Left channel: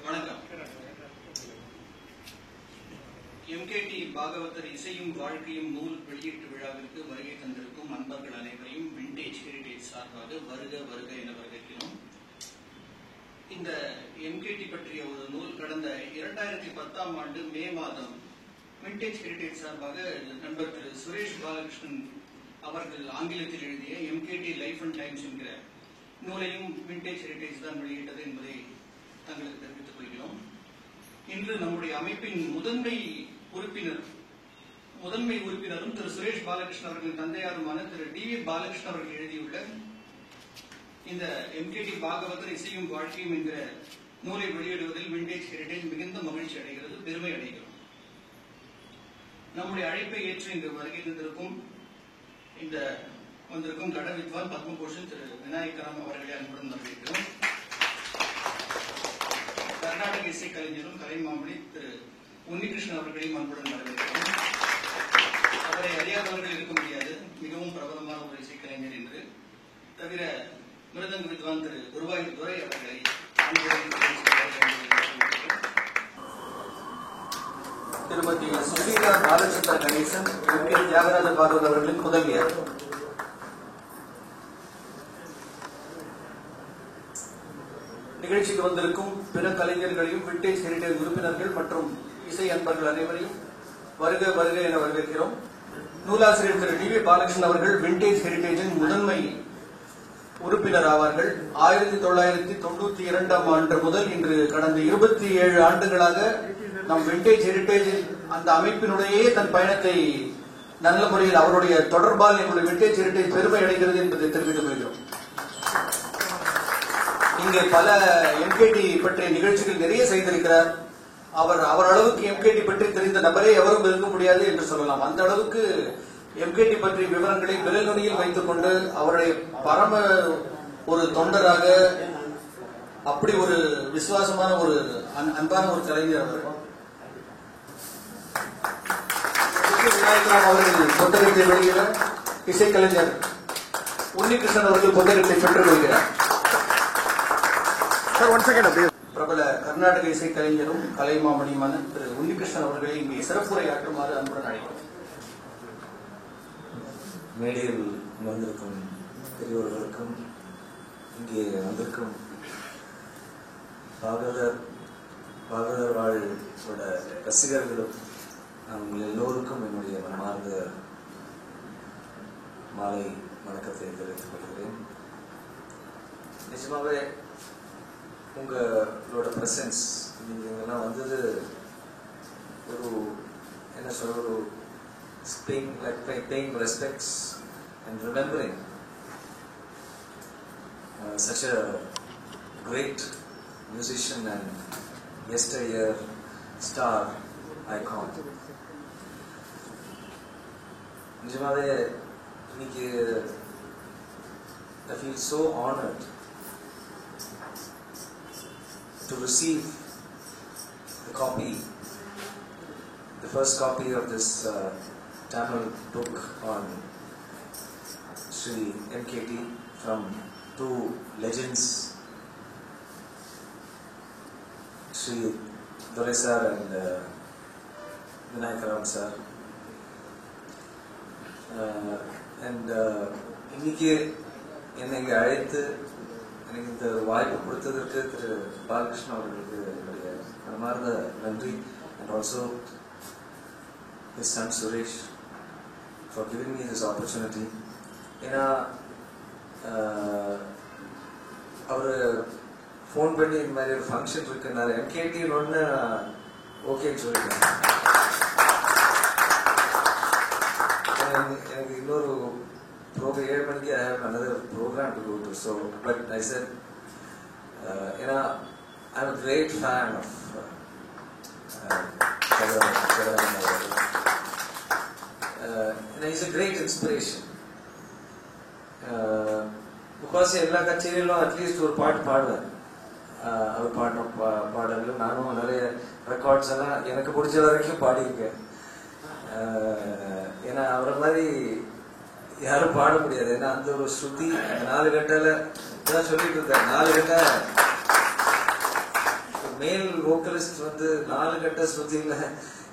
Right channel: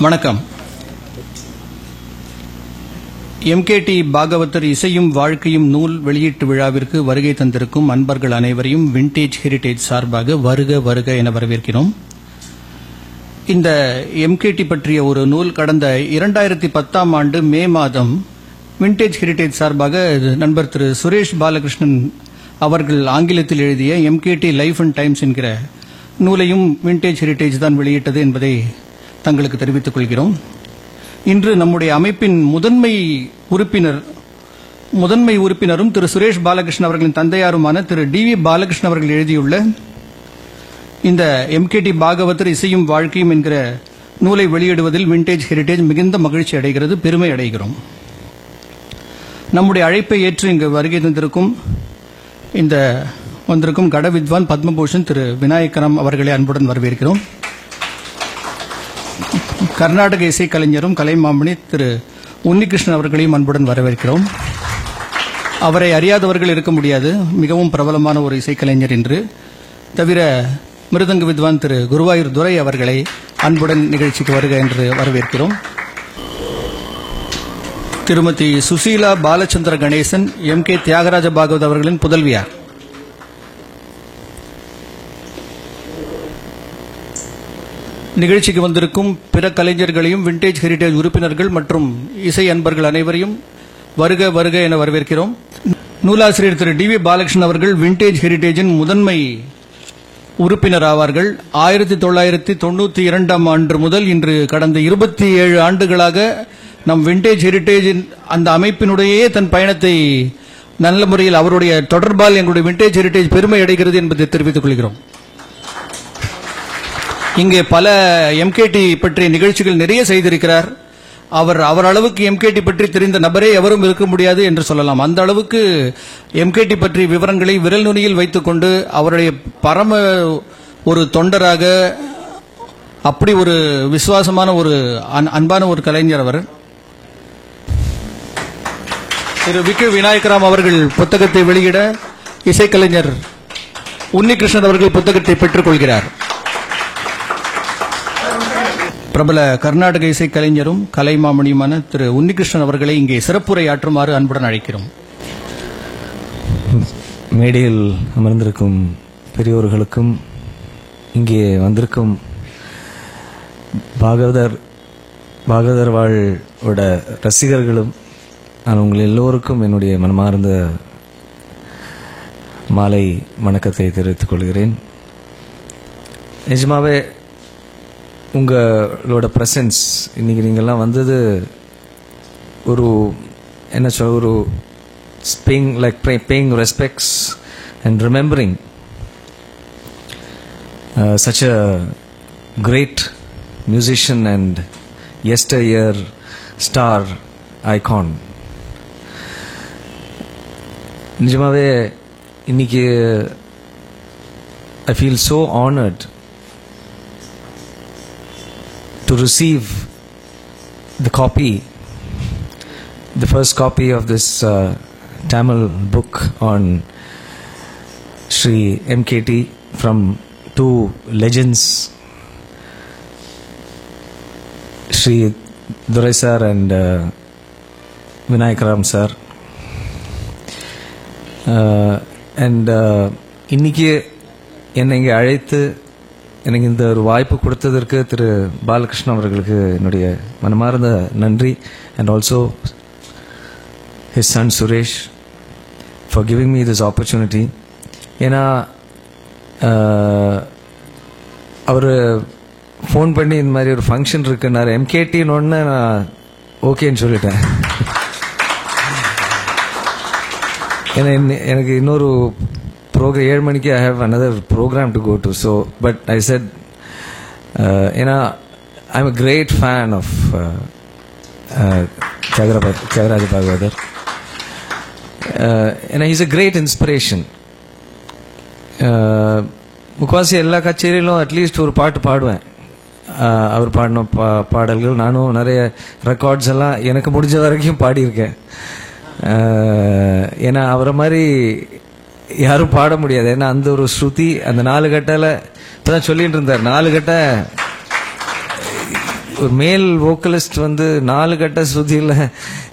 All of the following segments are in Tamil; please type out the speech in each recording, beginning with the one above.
வணக்கம். எம்கேடி பாகவதர் இசையும் வாழ்க்கையும் நூல் வெளியீட்டு விழாவிற்கு வருகை தந்திருக்கும் அன்பர்கள் அனைவரையும் விண்டேஜ் ஹெரிடேஜ் சார்பாக வருக வருக என வரவேற்கிறோம். இந்த எம்கேடி பற்றிய ஒரு நூல் கடந்த 2010 ஆண்டு மே மாதம் விண்டேஜ் ஹெரிடேஜ் சார்பாக நண்பர் திரு சுரேஷ் பாலகிருஷ்ணன் அவர்கள் ஆங்கிலத்தில் எழுதிய எம்கேடி லைஃப் அண்ட் டைம்ஸ் என்கிற நூலையும் விண்டேஜ் ஹெரிடேஜ் தான் வெளியிட்டது என்பதை தங்களுக்கு தெரிவித்துக் கொள்கிறோம். இன்று நம்முடைய அமைப்பின் முதன்மை உறுப்பினரும் திரு சுரேஷ் பாலகிருஷ்ணன் அவர்களின் தந்தையாருமான திரு டி.வி. பாலகிருஷ்ணன் அவர்கள் எழுதியுள்ள இந்த எம்கேடி பாகவதர் இசையும் வாழ்க்கையும் என்கிற நூலை வெளியிடுவதில் விண்டேஜ் ஹெரிடேஜ் மிகுந்த மகிழ்ச்சி அடைகிறது, பெருமை அடைகிறோம். நம்முடைய அழைப்பை ஏற்று இங்கு வருகை வந்திருக்கும் கட வித்வான் பத்மபூஷன் திரு விநாயகராம் அவர்களை அன்புடன் வரவேற்கிறோம். கர்நாடக இசைக்கலைஞரும் கலைமாமணி திரு உன்னிகிருஷ்ணன் அவர்களையும் அன்புடன் வரவேற்கிறோம். அவரை அறியாதவர்கள் இருக்க முடியாது, மிகவும் பிரபலமான ஒரு இசைக்கலைஞர் என்று. தவிர மிருதங்க வித்வான் திரு குருவாயூர் துரை அவர்களை அன்புடன் நிகழ்ச்சிக்கு வருக என்று வரவேற்கிறோம். திருமதி சுசீலா பாலச்சந்திர கணேசன் எம்.கே. தியாகராஜ பாகவத் அவர்களின் புதல்வியார். நிகழ்ச்சிக்கு வந்திருக்கும் பிற கலைஞர்களையும் விண்டேஜ் ஹெரிடேஜ் உறுப்பினர்கள் மற்றும் இசை அன்பர்கள் அனைவரையும் வருக வருக என வரவேற்கிறோம். நூலாசிரியர் திரு டி.வி. பாலகிருஷ்ணன் அவர்கள் விண்டேஜ் ஹெரிடேஜின் முதன்மை உறுப்பினர் ஆவார்கள். 1992 ஆண்டு முதல் இன்று கடந்த 27 ஆண்டுகளாக நம் விண்டேஜ் ஹெரிடேஜின் அந்த அமைப்பினுடைய தன் பயணத்தை நல்ல முறையில் அவருடைய தொடர்பால் எங்களுடைய விண்டேஜ் ஹெரிடேஜ் பெருமை அடைகிறது என்பதை தெரிவித்துக் கொள்கிறோம். இங்கே பல எம்கேடி பற்றிய நிகழ்ச்சிகள் நிறைய செய்திருக்கிறார். அவர் அளவுக்கு எம்கேடி பற்றி தெரிந்த நபரே எவரும் இருக்க முடியாது என்று சொல்லலாம். அந்த அளவுக்கு எம்கேடி பற்றிய விவரங்களை விரல் நுனியில் வைத்துக் கொண்டு அவருடைய பரம ஒரு தொண்டராக, அப்படி ஒரு விசுவாசமான ஒரு அன்பான ஒரு கலைஞர் அவர். திரு வி.கே. விநாயகராம் அவர்கள் புத்தகத்தை வெளியிட இசைக்கலைஞர் உன்னிகிருஷ்ணன் அவர்கள் புத்தகத்தை பெற்றுக் கொள்கிறார். பிரபல கர்நாடக இசைக்கலைஞரும் கலைமாமணியுமான திரு உன்னிகிருஷ்ணன் அவர்களை இங்கே சிறப்புரையாற்றுமாறு அன்புடன் அழைக்கிறோம். மேடையில் அமர்ந்திருக்கும் பெரியோர்களுக்கும் இங்கே வந்திருக்கும் பாகவதர் வாழ்வோட ரசிகர்களும் நான் உங்கள் எல்லோருக்கும் என்னுடைய மனமார்ந்த மாலை வணக்கத்தை தெரிவித்துக் கொள்கிறேன். நிஜமாவே உங்களோட ப்ரெசன்ஸ் இன்னைக்கு நீங்கள்லாம் வந்தது ஒரு ஒரு paying respects and remembering such a great musician and yesteryear star icon. நிஜமாவே இன்னைக்கு I feel so honored to receive the first copy of this Tamil book on Sri MKT from two legends, Sri Durai sir and Vinayakaram sir. இன்னைக்கு என்னை இங்கே அழைத்து எனக்கு இந்த ஒரு வாய்ப்பு கொடுத்ததற்கு திரு பாலகிருஷ்ணன் அவர்களுக்கு என்னுடைய மனமார்ந்த நன்றி. And also his son Suresh for giving me this opportunity. ஏன்னா அவர் ஃபோன் பண்ணி இந்த மாதிரி ஒரு ஃபங்க்ஷன் இருக்குன்னாரு, எம்கேடின்னு ஒன்று நான் ஓகேன்னு சொல்லிட்டேன். ஏன்னா எனக்கு இன்னொரு ப்ரோக்ராம் 7 மணிக்கு I have another program to go to, so but I said ஏன்னா I'm a great fan of Thyagaraja Bhagavathar. ஏன்னா he's a great inspiration. முக்கால்வாசி எல்லா கச்சேரியிலும் அட்லீஸ்ட் ஒரு பாட்டு பாடுவேன். அவர் பாடின பாடல்கள் நானும் நிறைய ரெக்கார்ட்ஸ் எல்லாம் எனக்கு முடிஞ்ச வரைக்கும் பாடியிருக்கேன். ஏன்னா அவரை மாதிரி யாரும் பாட முடியாது. ஏன்னா அந்த ஒரு ஸ்ருதி, அந்த 4 கட்டையில் இப்போதான் சொல்லிட்டு இருந்தார், 4 கட்டை ஒரு மேல் வோக்கலிஸ்ட் வந்து 4 கட்ட ஸ்ருதியில்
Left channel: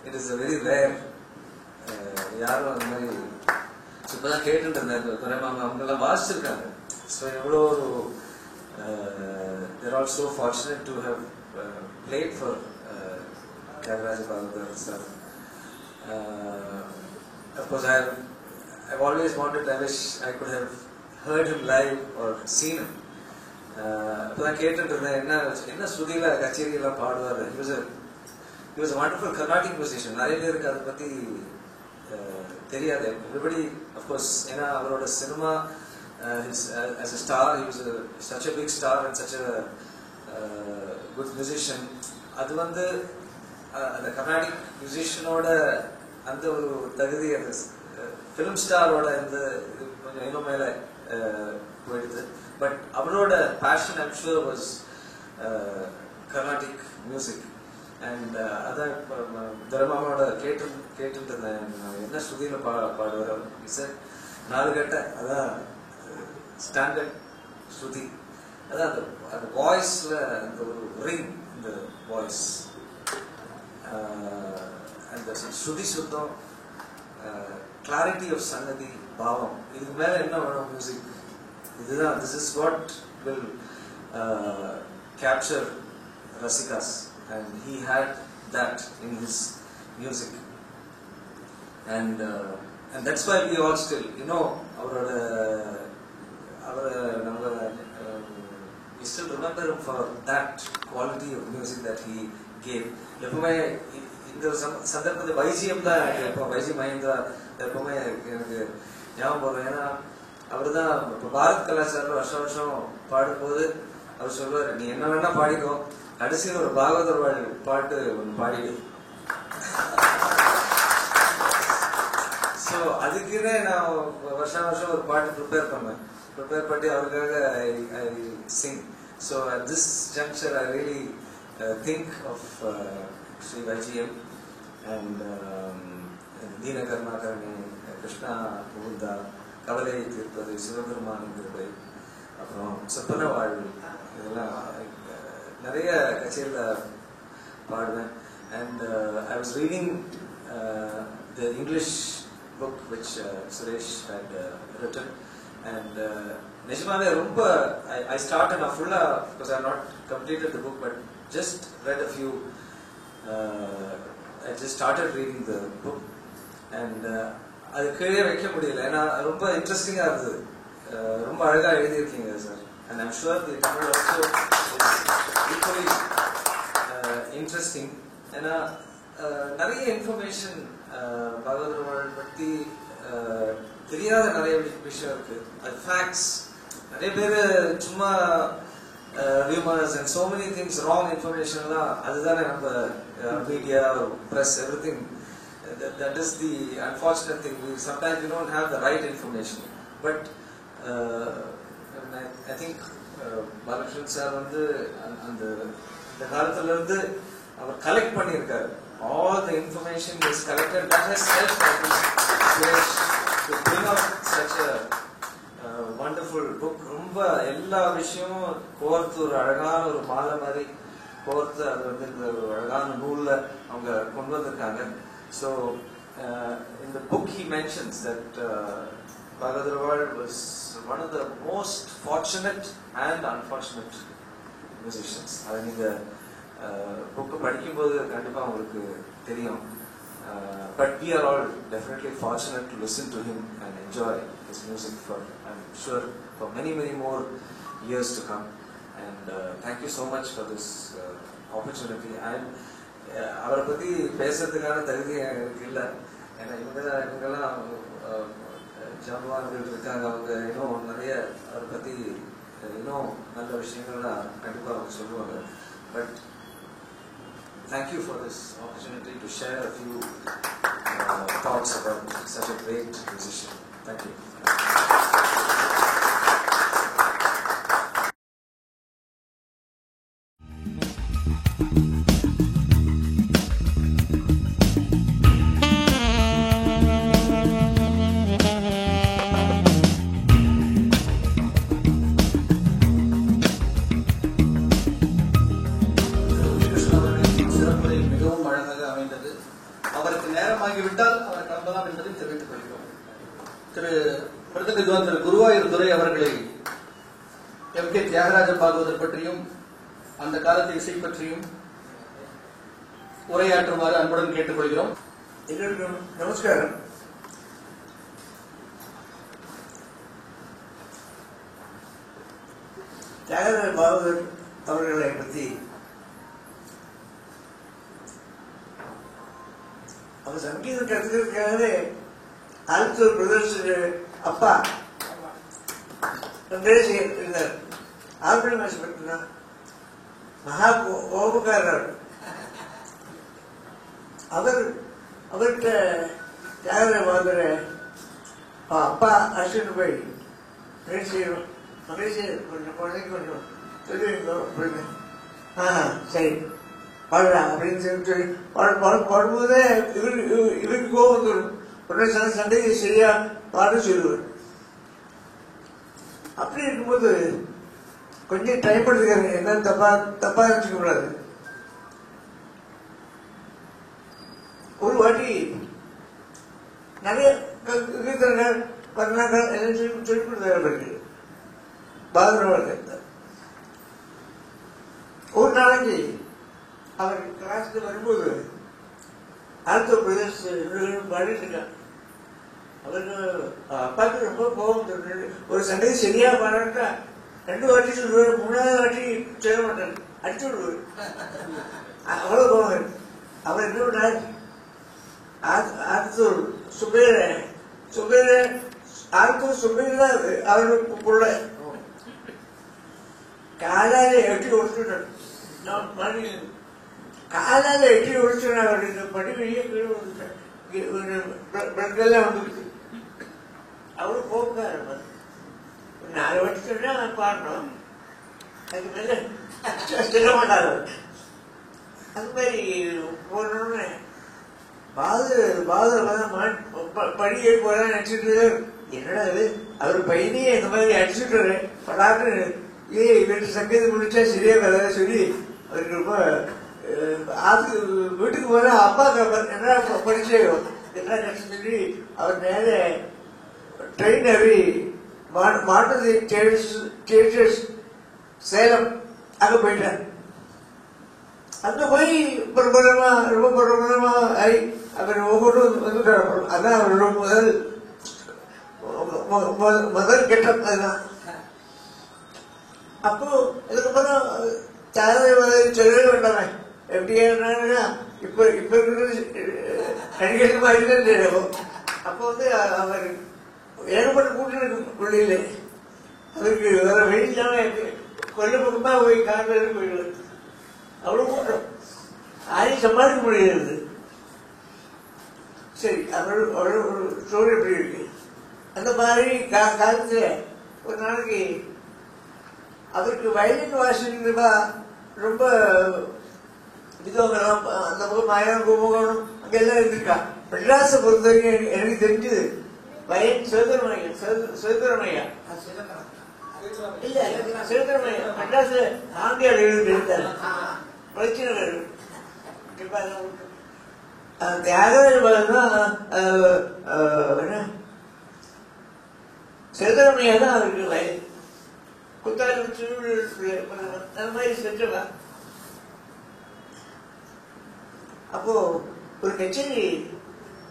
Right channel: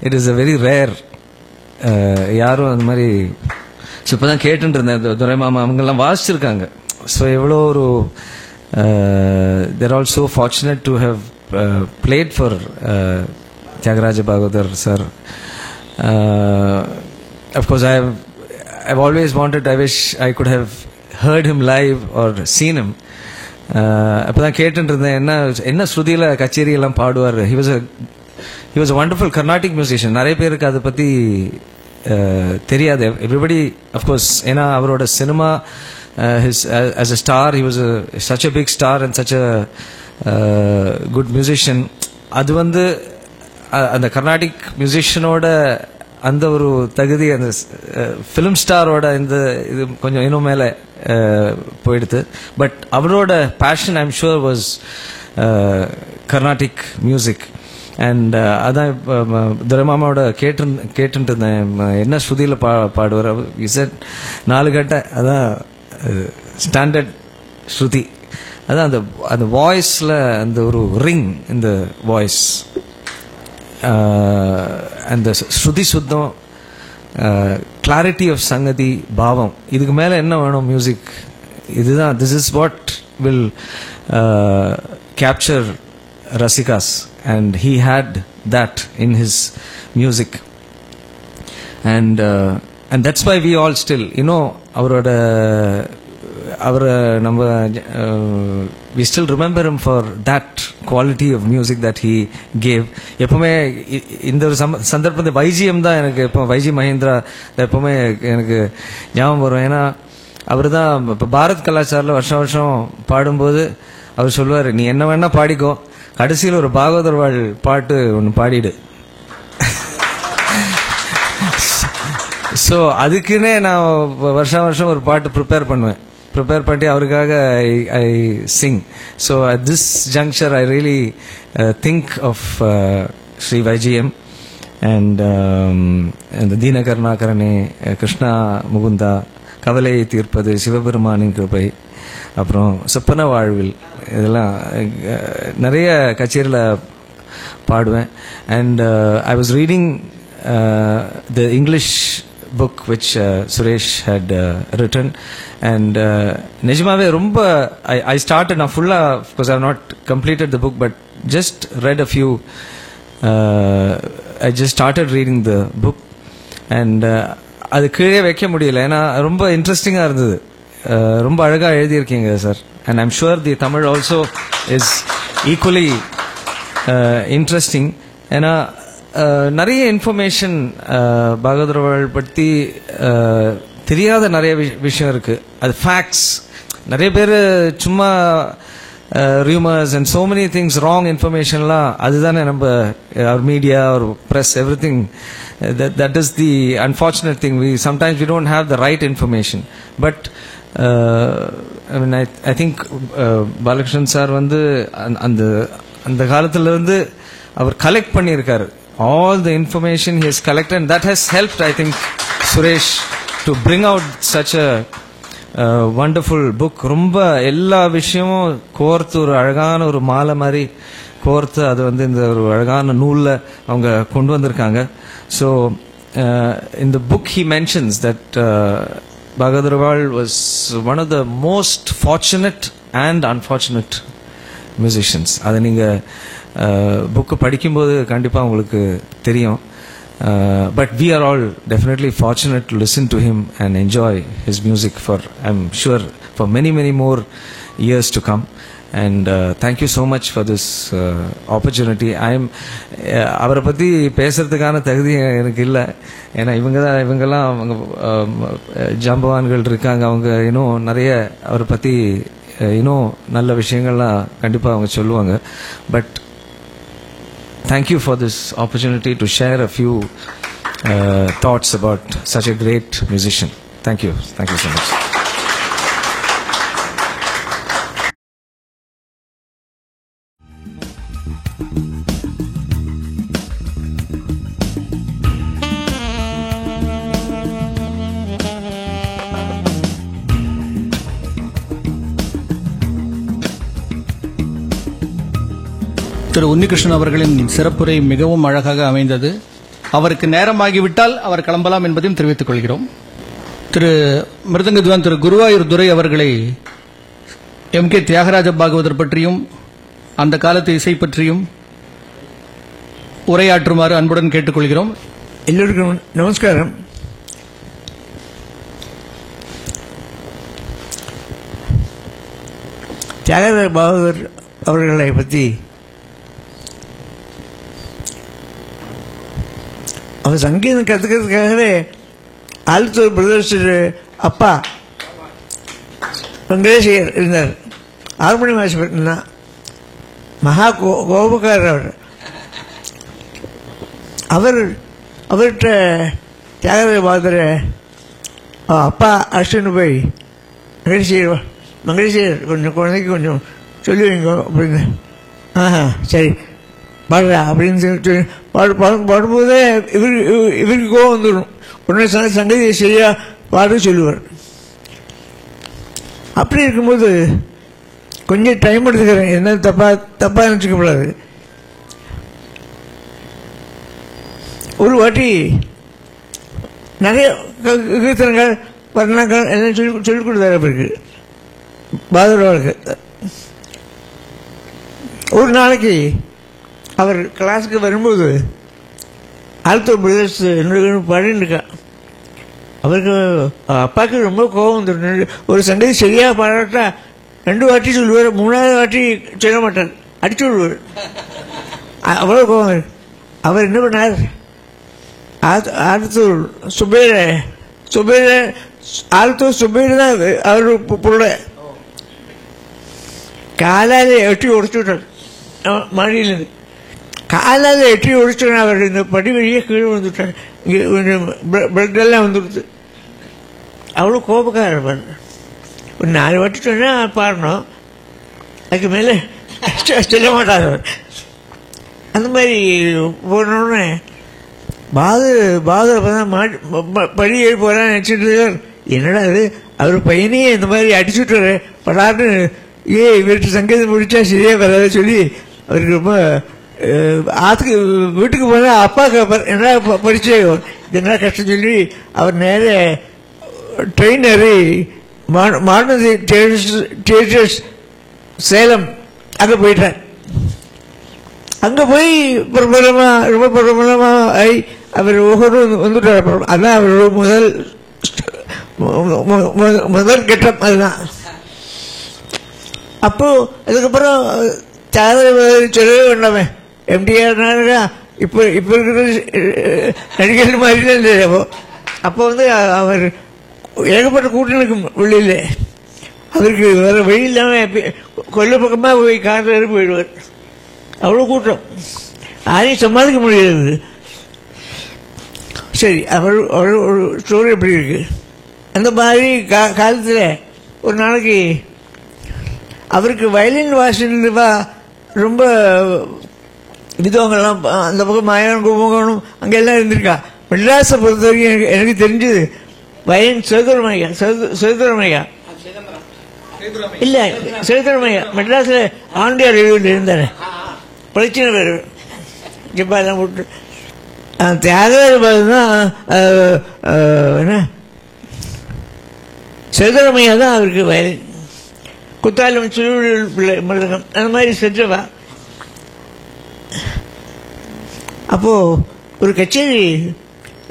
it is a very rare. யாரும் அந்த மாதிரி. ஸோ இப்போ தான் கேட்டுட்டு இருந்தேன், துரை மாமா அவங்கெல்லாம் வாசிச்சிருக்காங்க. ஸோ எவ்வளோ ஒரு they're all so fortunate to have played for Tyagaraja Bhagavathar sir. Of course, I've always wanted, I wish I could have heard him live or seen him. அப்பதான் கேட்டுட்டு இருந்தேன், என்ன ஸ்ருதியில் கச்சேரி எல்லாம் பாடுவார். he was a wonderful Carnatic musician. நிறைய பேருக்கு அதை பற்றி தெரியாது. everybody of course, ஏன்னா அவரோட cinema as a star, he was such a big star and such a good musician. அது வந்து அந்த கர்நாடிக் மியூசிஷியனோட அந்த ஒரு தகுதி அந்த ஃபிலிம் ஸ்டாரோட இந்த இது கொஞ்சம் இன்னும் மேலே போயிடுது. பட் அவரோட passion I'm sure was Carnatic music. And அதான் துரைமாமாவோட கேட்டுட்டு இருந்தேன், என்ன ஸ்ருதியில் பாடுவார். இசட் 4 கட்ட, அதான் ஸ்டாண்டர்ட் ஸ்ருதி. அதான் அந்த வாய்ஸில் அந்த ஒரு ரிங் இந்த வாய்ஸ், அந்த ஸ்ருதி சுத்தம், கிளாரிட்டி ஆஃப் சங்கதி, பாவம். இதுக்கு மேலே என்ன வேணும் மியூசிக்? இதுதான், this is what will capture rasikas. And he had that in his music. And that's why we all still அவரை நம்ம we still remember him for that quality of music that he gave. எப்பவுமே இந்த ஒரு சந்தர்ப்பத்தை வைஜிஎம் தான் எனக்கு, எப்போ வைஜி மகேந்திரா எப்பவுமே எனக்கு ஞாபகம் வரும். ஏன்னா அவர் தான் இப்போ பாரத் கலாச்சாரில் வருஷம் பாடும்போது அவர் சொல்லுவார், நீ என்ன வேணா பாடிக்கோ, கடைசியில் ஒரு பாகவதர் வாழ் பாட்டு ஒன்று பாடிடு. ஸோ அதுக்குன்னே நான் வருஷம் ஒரு பாட்டு ப்ரிப்பேர் பண்ணி அவருக்காக I sing. So at this juncture I really think of Shri YGM and இந்த தீனகருணாகரனே, கிருஷ்ணா முகுந்தா, கவலை தீர்ப்பது, சிவபெருமானின் கிருபை, அப்புறம் சொப்பன வாழ்வில், இதெல்லாம் நிறைய கச்சேரியில் பாடுவேன். And I was reading the English book which Suresh had written, and Nejimave romba I started na fulla, of course I have not completed the book but just read a few, I just started reading the book and அது கீழே வைக்க முடியல, ஏன்னா ரொம்ப இன்ட்ரெஸ்டிங்காக இருந்தது. ரொம்ப அழகாக எழுதியிருக்கீங்க sir. And I'm sure the Tamil also is equally interesting. ஏன்னா நிறைய இன்ஃபர்மேஷன் பாகவதர் பற்றி தெரியாத நிறைய விஷயம் இருக்குது. அது ஃபேக்ட்ஸ். நிறைய பேர் சும்மா rumors and so many things, wrong information la adudana namba our media or press everything, that is the unfortunate thing. Sometimes we don't have the right information, but I mean I think Balakrishnan sir vandu அந்த காலத்துல இருந்து அவர் கலெக்ட் பண்ணியிருக்காரு. all the information he has collected, and that has helped, I think, Suresh to bring out such a wonderful book. ரொம்ப எல்லா விஷயமும் கோர்த்து ஒரு அழகான ஒரு மாலை மாதிரி கோர்த்து அது வந்து இந்த ஒரு அழகான நூலில் அவங்க கொண்டு வந்திருக்காங்க. So in the book he mentions that Bhagavatharwal was one of the most fortunate and unfortunate musicians. அதை நீங்கள் புக்கு படிக்கும்போது கண்டிப்பாக உங்களுக்கு தெரியும். But we are all definitely fortunate to listen to him and enjoy his music for, I'm sure, for many more years to come. And thank you so much for this opportunity. அவரை பற்றி பேசுறதுக்கான தகுதி எனக்கு இல்லை. ஏன்னா இவங்கெல்லாம் அவங்க ஜாம்பவான்கள் இருக்காங்க. அவங்க இன்னும் நிறைய அவரை பற்றி இன்னும் நல்ல விஷயங்கள்லாம் கண்டிப்பாக அவங்க சொல்லுவாங்க. But thank you for this opportunity to share a few thoughts about such a great musician. Thank you so much. திரு உன்னிகிருஷ்ணன் அவர்களின் சிறப்புரை மிகவும் அழகாக அமைந்தது. அவருக்கு நேரமாகிவிட்டால் அவர் கிளம்பலாம் என்பதையும் தெரிவித்துக் கொள்கிறோம். திரு மிருதங்க வித்வான் திரு குருவாயூர் துரை அவர்களை எம்.கே. தியாகராஜ பாகவதர் பற்றியும் அந்த காலத்து இசை பற்றியும் உரையாற்றுமாறு அன்புடன் கேட்டுக்கொள்கிறோம். எல்லோருக்கும் நமஸ்காரம். தியாகராஜ பாகவதர் அவர்களை பற்றி அவர் சங்கீதம் கற்றுக்கிறதுக்காகவே ஆலத்தூர் பிரதர்ஸ் அப்பா வெங்கடேசையர் இருந்தார். ஆறுமணி வாசிப்பா மகா கோபக்காரர். அவர்கிட்ட தியாகராஜ பாகவதர் அப்பா அழைச்சிட்டு போய் மங்கடேசையர் கொஞ்சம் குழந்தைக்கு கொஞ்சம் சொல்லி வைங்க அப்படின்னு. சரி பாடுறா அப்படின்னு சொல்லி பாடும்போதே இவருக்கு கோவம் வந்துடும். உடனே சங்கதியை சரியா பாட சொல்லுவார். அப்படி இருக்கும்போது கொஞ்சம் டைம் எடுத்துக்கிறேன், என்ன தப்பா நினச்சிக்கப்படாது. ஒரு வாட்டி நிறைய கீர்த்தனங்கள் வர்ணங்கள் எல்லாம் சொல்லிக் கொடுத்தாரு அவருக்கு பாகவதருக்கு. ஒரு நாளைக்கு அவர் கிளாஸுக்கு வரும்போது ஆல்த்தூர் பிரதர்ஸ் என்னோட பாடின்னு இருக்கா. அவருக்கு அப்பாவுக்கு ரொம்ப கோபம் வந்துடும். ஒரு சங்கதி சரியாக பாடாட்டா 2 வாட்டி சொல்லுவார், 3வது வாட்டி சொல்ல மாட்டார், அடிச்சு விடுவார். அவ்வளோ கோபம். அவர் என்ன பண்ணார், ஆல்த்தூர் ஆல்த்தூர் சுபேர் தான் அவர் பொருளை காலால் எட்டி உடச்சு விட்டார். மாடியிலேருந்து காலால் எட்டி உடச்சோன்னா அவர் இந்த படி வழியே கீழே வந்துவிட்டார். இங்கே கொஞ்சம் பிளட்டெல்லாம் வந்துடுது. அவ்வளோ கோபக்காரர். ஒரு 4 வாட்டி சொன்னால் பாடணும், அதுக்கு மேலே சொல்ல மாட்டார். அந்த மாதிரி போனோடனே பாகர் படி ஏறி போகிறான்னு நினச்சிட்டு என்னடா அது அவர் பையனையே இந்த மாதிரி அடிச்சுட்டு படான்னு இவர்கிட்ட சங்கீதம் முடிச்சா சரியே வராத சொல்லி அவருக்கு ரொம்ப ஆத்துக்கு வீட்டுக்கு போனால் அப்பா என்ன படிச்சு என்ன கஷ்டம் சொல்லி அவர் நேர ட்ரெயின் ஏறி மாணவி தியேட்டர்ஸ் சேலம் அங்கே போயிட்டார். அங்கே போய் ரொம்ப பிரபலமாக ஆகி அவர் ஒவ்வொரு வந்துட்டார். அதுதான் அவரோட முதல் கட்டம். அதுதான். அப்போது அதுக்கப்புறம் சொல்லவே வேண்டாமே, எம்டிஆர் இப்போ இருக்கிற நடிகர்கள் மாதிரி தான் இல்லை. அப்போ வந்து அவர் ஏகப்பட்ட கூட்டம் இருக்கும் வெளியில். அவருக்கு வேறு வழி இல்லாமல் கொல்ல பக்கமாக போய் காரில் ஏறி போயிடுவார். அவ்வளோ கூட்டம், யாரையும் சமாளிக்க முடியாது. சரி, அவர் ஒரு ஸ்டோரி எப்படி இருக்குது. அந்த மாதிரி காலத்தில் ஒரு நாளைக்கு அவருக்கு வயலின் வாசிப்பா ரொம்ப விதவங்கள்லாம் அந்த பக்கம் மாயவன் கும்பகோணம் அங்கெல்லாம் இருந்திருக்கா. மெட்ராஸை பொறுத்த வரைக்கும் எனக்கு தெரிஞ்சது வயலின் சேதுரமையா இல்லை, சேதுரமையா மெட்ராஸில் ஆண்டியார் எழுதிட்டு இருந்தார். பிரச்சனை பேர் ஜப்பாலாம் போட்டு தியாகராஜ தான் என்ன சேதுரமையா தான் அவருக்கு வயலின். குத்தாலம் சிறுவர்கள் பிள்ளை மிருதங்கம் அந்த மாதிரி செஞ்சவா. அப்போது ஒரு கச்சேரி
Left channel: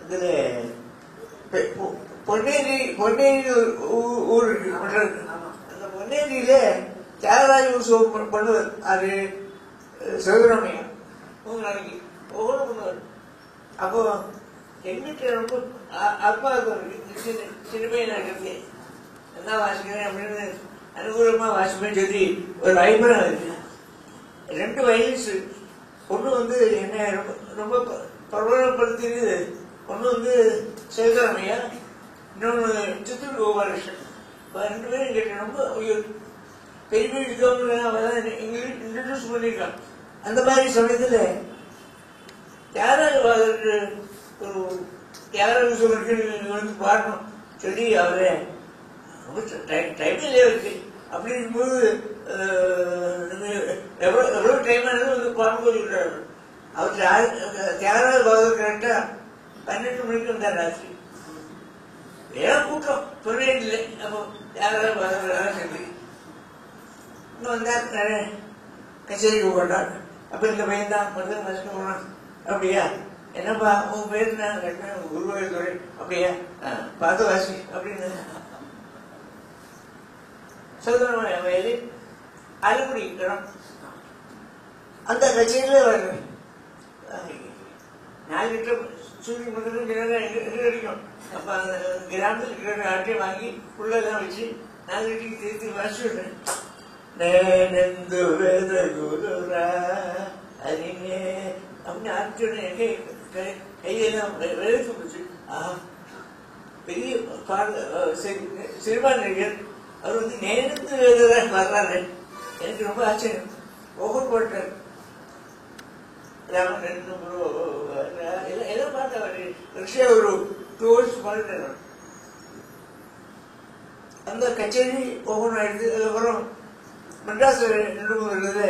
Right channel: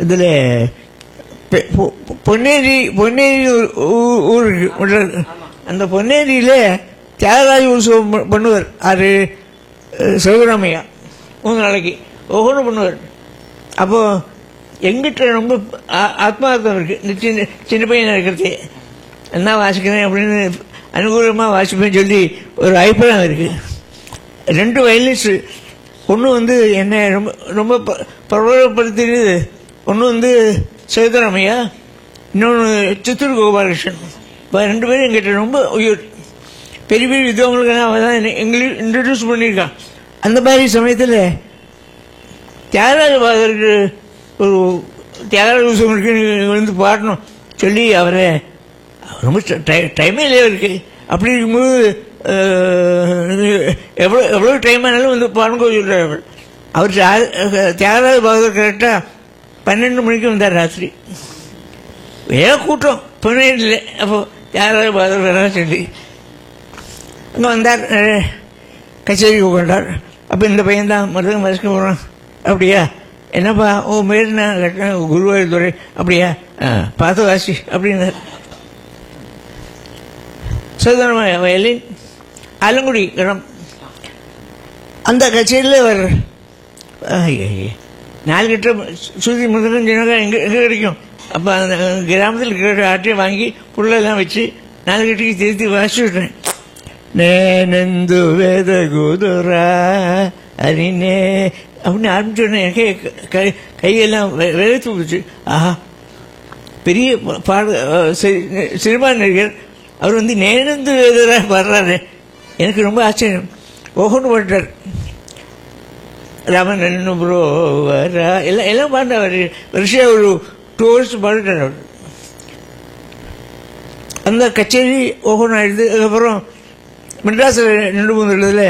இதில் பொன்னேரி ஊர் இருக்கு. அந்த பொன்னேரியில் தியாகராஜ உற்சவம் பண்ணுவார். அது சிவராமையா 3 நாளைக்கு ஒவ்வொன்றும் பண்ணுவார். அப்போது எங்கிட்ட ரொம்ப ஆத்மார்த்தம் இருக்குது. சின்ன பையன் இருக்கிறதே என்ன வாசிக்கிறேன் அப்படின்னு அனுகூலமாக வாசிப்பேன்னு சொல்லி ஒரு அபிப்பிராயம் இருக்குது. 2 வயலின்ஸ். ஒன்று வந்து என்னை ரொம்ப ரொம்ப பிரபலப்படுத்தினது ஒன்று வந்து சேதுராமையா, இன்னொன்று சித்தூர் கோபாலகிருஷ்ணன். இப்போ 2 பேரும் எங்கிட்ட ரொம்ப உயிர். பெரிய பெரிய விதவங்களுக்கெல்லாம் அவள் தான் எங்களுக்கு இன்ட்ரடியூஸ் பண்ணியிருக்கான். அந்த மாதிரி சமயத்தில் தியாகராஜ பாகவதற்கு ஒரு தியாகராஜ உற்சவருக்கு வந்து பாடணும் சொல்லி அவரை ரொம்ப டைமே இல்லையா இருக்குது. அப்படி இருக்கும்போது எவ்வளோ டைம் ஆனாலும் வந்து பாருங்க சொல்கிறார் அவர். அவர் தியாகராஜ பாகவதர் கரெக்டாக 12 மணிக்கு வந்தார் ராத்திரி. வேலை கூட்டம் பொன்னையில். அப்போ தியாகராஜ பாகவதர் வரலாம் சொல்லி அங்கே வந்தார், கச்சேரிக்கு உட்காண்டார். அப்போ இந்த பையன் தான் மருதம் மறைக்க போகிறான். அப்படியா, என்னப்பா உன் பேர் என்ன? குருவாயூர் துறை. அப்படியா, பார்த்து வாசி அப்படின்னார். சோதன வயலின் ஆலங்குடி இடம். அந்த கச்சேரியில் அவர் 4 லிட்டர் சுதி முதலும் ஜனங்கள் எங்கே கிடைக்கும். அப்போ அந்த கிராமத்தில் இருக்கிற ஆட்டையை வாங்கி புள்ளெல்லாம் வச்சு 4 லிட்டருக்கு திருத்தி வாசி விட்றேன். நேனந்து வேத குதுரா அரினே அப்படின்னு ஆரம்பிச்சோடனே எனக்கே கையெல்லாம் வெளுத்து போச்சு. ஆஹா, பெரிய சினிமா நடிகர் அவர் வந்து நேனந்து வேத வர்றாரு. எனக்கு ரொம்ப ஆச்சரியம். ஓஹோன்னு பாட்டார். ராமன் ப்ரோ வரா எல்லாம் பாண்டார். வருஷம் ஒரு 2 hours பாடிட்டார் அவர். அந்த கச்சேரி ஓஹோன்னு ஆயிடுது. அதுக்கப்புறம் மெட்ராஸில் 2-3 இடத்துல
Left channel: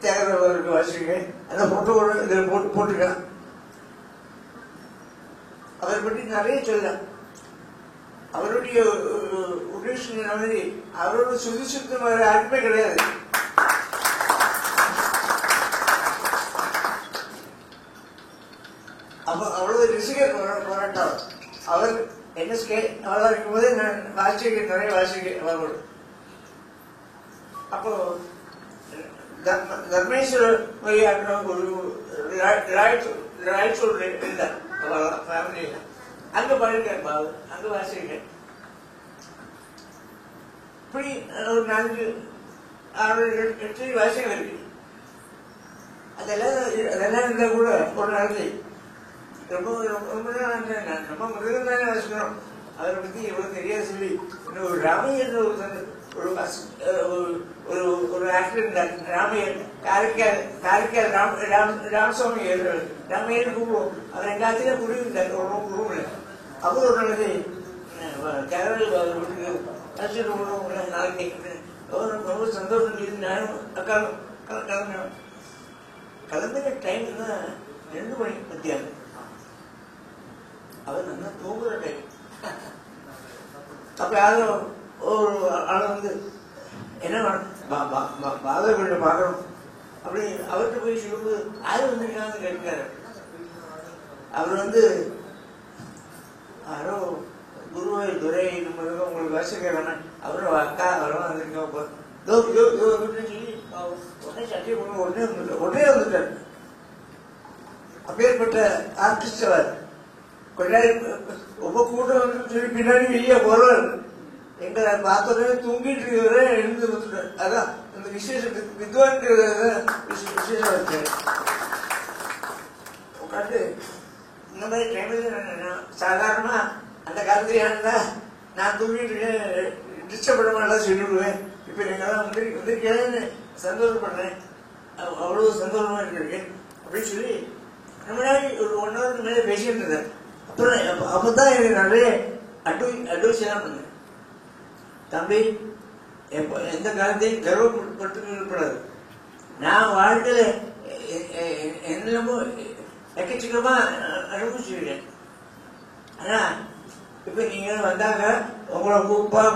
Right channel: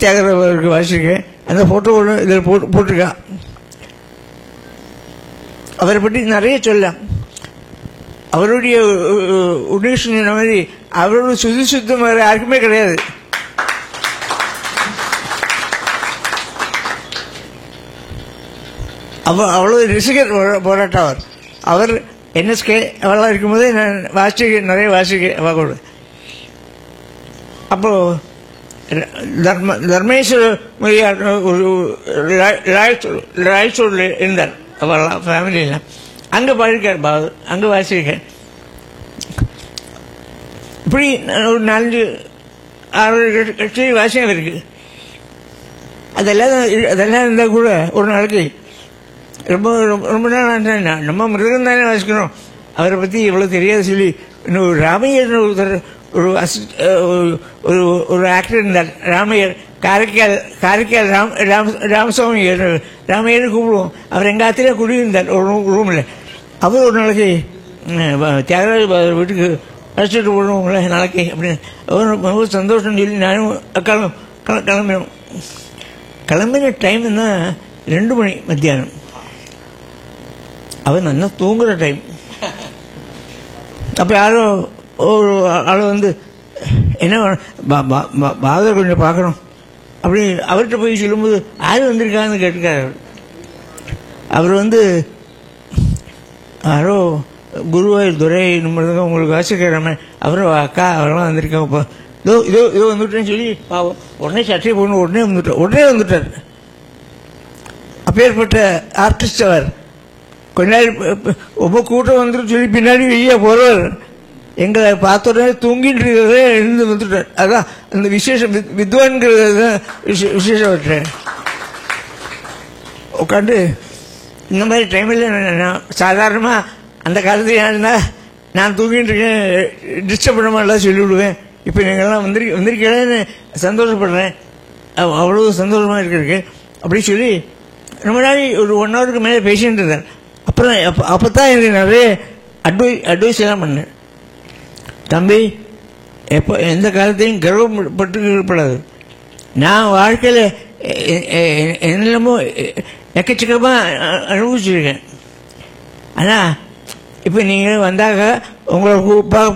தியாகராஜருக்கு வாசிச்சிருக்கேன். அந்த ஃபோட்டோவோட இதில் போட்டிருக்கான். அவரை பற்றி நிறைய சொல்லலாம். அவருடைய உடனே சொன்ன மாதிரி அவரோட சுத்தம் வேறு யாருக்குமே கிடையாது. அவ்வளோ ரசிகர் போராட்டம் அவர் NSK அவெல்லாம் இருக்கும்போது நான் நிறைய வாசிக்க அவளோட. அப்போது தர்மேஸ்வர மொழியார் ஒரு ராய்ச்சூரில் இருந்தார். அவெல்லாம் ஃபேமிலியில் அங்கே பாடிருக்கார் பாபு, அங்கே வாசியிருக்கேன். இப்படி ஒரு 4-6 கட்சி வாசியம் இருக்குது. அதெல்லாம் இருந்தால் கூட ஒரு நாளைக்கு ரொம்ப ரொம்ப நாள் நம்ம மிருகம் தானே வாசிக்கிறோம். அவரை பற்றி எவ்வளோ தெரியாது சொல்லி இன்னும் ராமையர் ஒருத்தர் ஒரு ஆக்டர் இருந்தார். ராமையர் காரைக்கால் ராமசாமி ராமையர்னு கூப்பிடுவோம். அவர் எங்கள் ஆத்திலே குடியிருந்தார் ஒரு ரூமில். அவர் ஒரு நாளைக்கு தியாகராஜ வீட்டுக்கு அழைச்சிட்டு போடுவோங்களே நாளைக்கு அப்படின்னு அவர் ரொம்ப சந்தோஷம்னு சொல்லி நானும் அக்காலும் கிளம்பினோம். கிளம்பின டைம் தான் 2 மணி மத்தியானம். அவர் நல்லா தூங்குகிற டைம். அப்போ யாரோ ஒரு ஆள் வந்து என்ன பாகவதர் கொஞ்சம் பார்க்கணும் அப்படி அவர்கிட்ட போய் சொல்லும்போது யார் வந்திருக்காங்கன்னு கேட்டுக்காரு. அவர் வந்து யாரோ குருவாயூர் துறை உங்களுக்கு வாசிக்கிறாம அவரும் அக்கா அவரெல்லாம் வந்திருக்காங்க. இப்போ இதோ வந்துட்டேன்னு சொல்லி உடனே சட்டையை போகணும் உடனே வந்துட்டார். அப்பேற்பட்ட ஆர்டிஸ்ட் அவர். கொஞ்ச நேரம் ரொம்ப கூட்டம் வந்துட்டு சொல்லி பின்னாடி வெளியே போகிறார். எங்களை பார்த்த உடனே தூங்கிட்டு இருக்கிறத எழுந்து வந்துட்டார். அதான் அந்த விசேஷம், வித்வான்கிறது தான் விசேஷம் விட்டார். உட்காந்து இந்த மாதிரி டைமில் நான் சாதாரணமாக அந்த காலத்தில் ஏன்னா நான் தூங்கிட்டு இருக்கேன் டிஸ்டர்ப் பண்ண மாதிரிலாம் சொல்லிவிடுவேன். இப்போ நீங்கள்லாம் வந்திருக்கேன்னு சந்தோஷப்படுறேன். அவ்வளோ சந்தோஷமாக இருக்கிறதுக்கு அப்படி சொல்லி ரொம்ப நாள் ஒரு 1 ஹவருக்கு மேலே பேசிகிட்டு இருந்தேன். அப்புறம் அப்போ தான் எனக்கு நிறைய அட்வைஸ் எல்லாம் பண்ணேன். தம்பி, எப்போ எந்த காலத்தையும் கர்வப்பட்டு இருப்படாது. நான் வாழ்க்கையில் என்னெல்லாமோ எக்கச்சக்கமாக அனுபவிச்சிருக்கேன். ஆனால் இப்போ நீங்கள் வந்தாக்க உங்களை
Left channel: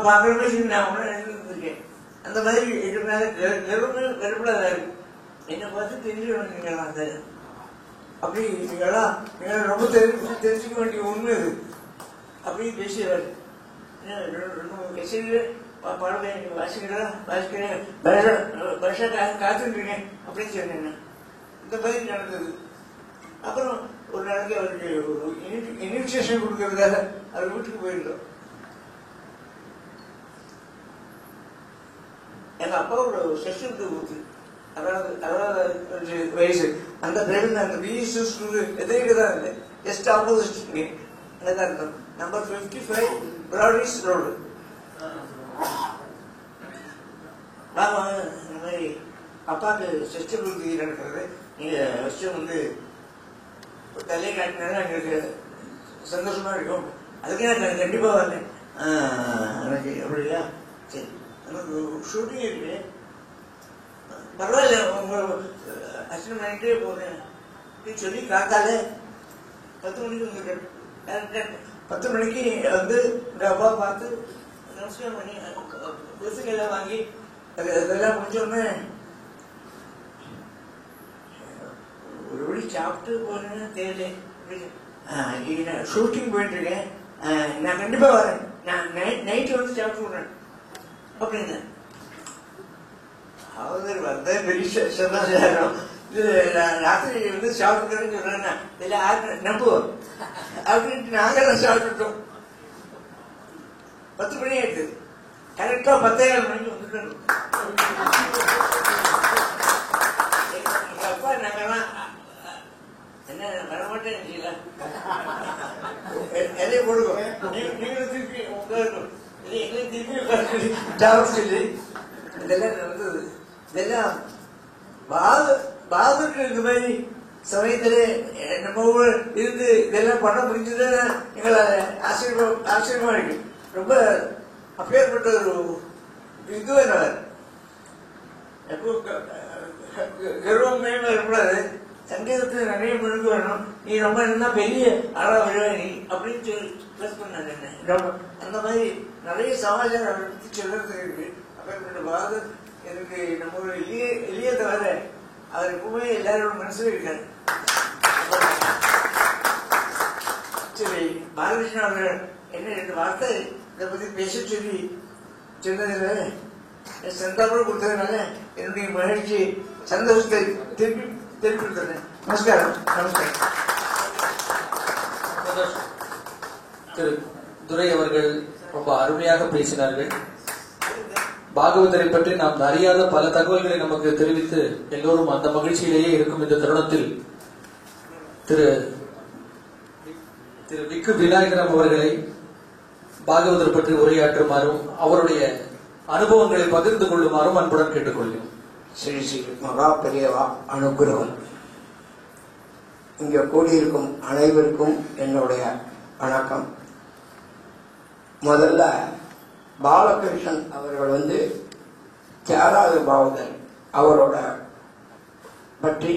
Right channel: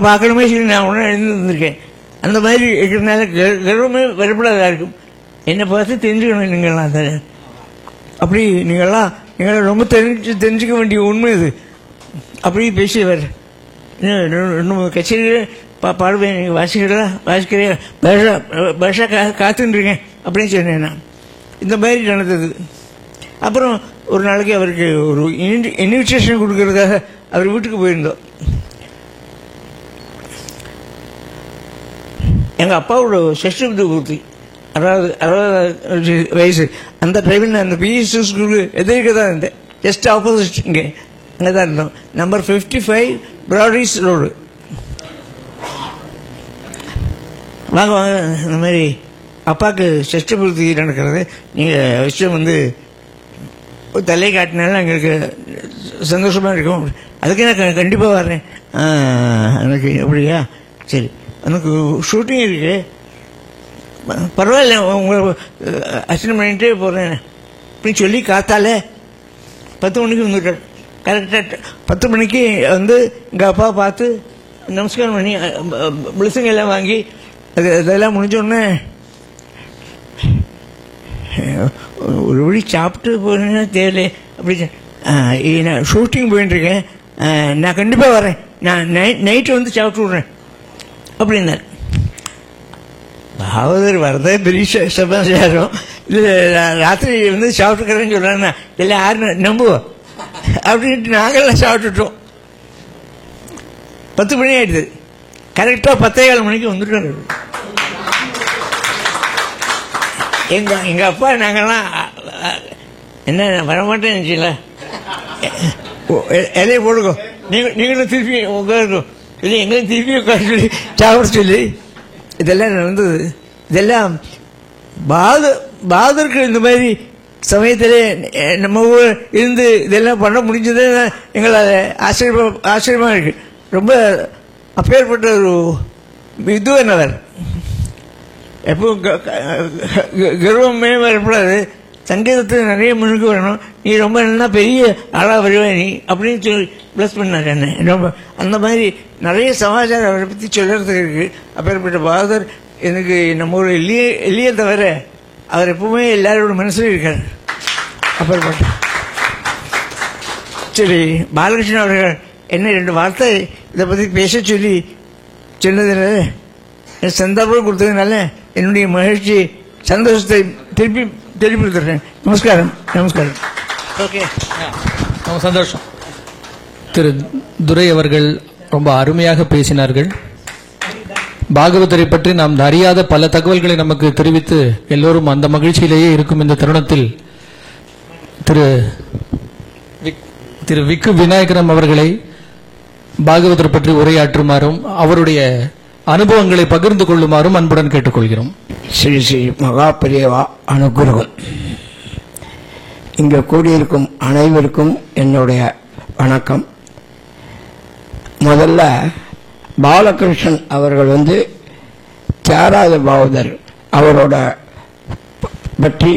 பார்க்கணுமே சொல்லி நான் ஒன்றும் எழுந்திருக்கேன். அந்த மாதிரி இருக்கிறதுனால கர்வமே வரப்படாதா இருக்கும். என்னை பார்த்து தெரிஞ்சுக்கணும் நீங்கள்லாம். அதை அப்படி நீங்கள் ரொம்ப தெரிஞ்சுக்க வேண்டிய உண்மை இது. அப்படி பேசியவர். இன்னும் கச்சேரியில் பாடுவேன், நீங்கள் வாசிக்கிறேன் பாஷா காத்துருக்கேன் அப்படின்னு சொன்னேன் நான். இந்த மாதிரி நடந்தது. அப்புறம் ஒரு நாளைக்கு அவருக்கு ஒரு இன்விடேஷன் கொடுக்கறதுக்காக அவர் வீட்டுக்கு போயிருந்தோம். எங்கள் அப்பாவோட சஷ்டி பூர்த்தி, 60 வயசு. அந்த டைமில் அந்த பிஎஸ்சி ஸ்கூலு எதிர்க்க தான் இருந்தேன். ஜஸ்ட் ஆப்போசிட் அங்கே தான் இருந்தோம். Number 55 Brodie's road. வாங்க இந்த மாதிரி அப்பாவுக்கு சஷ்டி பூர்த்தி நடக்கிறது, நீங்கள் விஷயம் வந்து தலை காட்டினாலும் எங்களுக்கு சந்தோஷமாக இருக்கும். அதுக்கு நான் கண்டிப்பாக வர்றேன். எனக்கு அப்படியா, சரி எனக்கு ஷூட்டிங் இருக்கு, பரவாயில்ல உங்களை அட்டெண்ட் பண்ணிகிட்டே போகிறேன் அப்படின்னு சொல்லி காத்தாலே 10 மணிக்கு வந்துட்டார். கரெக்டாக 10 மணிக்கு வந்து எங்கள் அப்பா பார்த்து நமஸ்காரம் பண்ணி பிளஸிங் எல்லாம் வாங்கி அதெல்லாம் முடிஞ்சோடனே ஒரு வழி சாப்பிட்டு போகிறேன்னா தெரியல அப்படி நான் ஷூட்டிங் போயிட்டுருக்கேன், நான் கண்டிப்பாக வரேன், நான் நைட்டு வந்து சாப்பிட்டு விட்றேன் அப்படின்னார். பாகவதர் வரதே பெரிய சமாச்சாரம். இல்லை ராத்திரி வந்து சாப்பிட்டுக்கிறேன்னு சொல்கிறாங்கன்னா இல்லை யாரும் நம்புவோம் அப்படின்ட்டு நாங்கள்லாம் சாப்பிட்டுட்டோம். 10 மணி ஆகிடுது. கரெக்டாக 10:15 மணிக்கு வந்துட்டோம். எங்கள் அப்பா நாங்கள்லாம் என்ன வரமாட்டேன்னு நினச்சிங்களா, இலையை போடுங்க, நீங்களும் திருப்பி உட்காருக்கும் இல்லை எங்களையும் திருப்பி உட்கார சொல்லி சாப்பிட சொல்லி இதெல்லாம் நடந்தது. இதெல்லாம் பாதருக்கு இந்த மாதிரி சமயத்தில் நம்ம ஊர் இருந்து இதெல்லாம் பண்ண முடிஞ்சது எங்களை ஆச்சரியமாக இருக்குது. ரொம்ப அப்பேற்பட்ட ஒரு இது என்னவர் எப்போ கர்வமே வரக்கூடாது, சங்கீதத்தில் நிறைய முன்னுக்கு வரணும், நீ ரொம்ப நல்லா பெரிய ஆளாக வருவேன் நீ அப்படின்னு சொல்லி ப்ளஸ் பண்ணார் என்ன. ரொம்ப அந்த மாதிரி நிறைய சமாச்சாரம் அவரை பற்றி சொல்கிறதுக்கு இருக்குது. அப்பேற்பட்ட பாகவதர் எனக்கு நம்ம ஒரு இல்லையே தவிர அவர் எப்பவுமே எல்லாரோட மனசும் இருக்கார். அப்பேற்பட்ட சரி, பாலகிருஷ்ணன் அவர்கள் என்ன 2 வார்த்தை இதை பற்றி பேச சொல்லி சொன்னதுனால சந்தர்ப்பம் கொடுத்ததுனால என்னுடைய மகிழ்ச்சி சந்தோஷத்தை திருப்பி கொடுத்துட்றேன். நமஸ்காரம். ஓகே, ரொம்ப சந்தோஷம். திரு துரை அவர்கள் ரொம்ப அருமையாக பேசினார்கள். பாகவதரை பற்றி நாம் அறியாத பல தகவல்களை நமக்கு தெரிவித்து எல்லோரும் அந்த மகிழ்ச்சியிலேயே இருக்கும் இந்த தருணத்தில் திரு விக்கு விநாயகரம் அவர்களை பாகவதர் பற்றி உரையாற்றுமாறும் அவருடைய அனுபவங்களை பகிர்ந்து கொள்ளுமாறும் அன்புடன் கேட்டுக்கொள்கிறோம். ஸ்ரீ ஸ்ரீ மகாபிரியவா அனுகிரகம். இங்கே கூடியிருக்கும் அனைவருக்கும் என்னுடைய வணக்கம். முதல்ல பாலகிருஷ்ணன் அவர்கள் வந்து தியாகராஜ பாகவதர் அவரோட பற்றி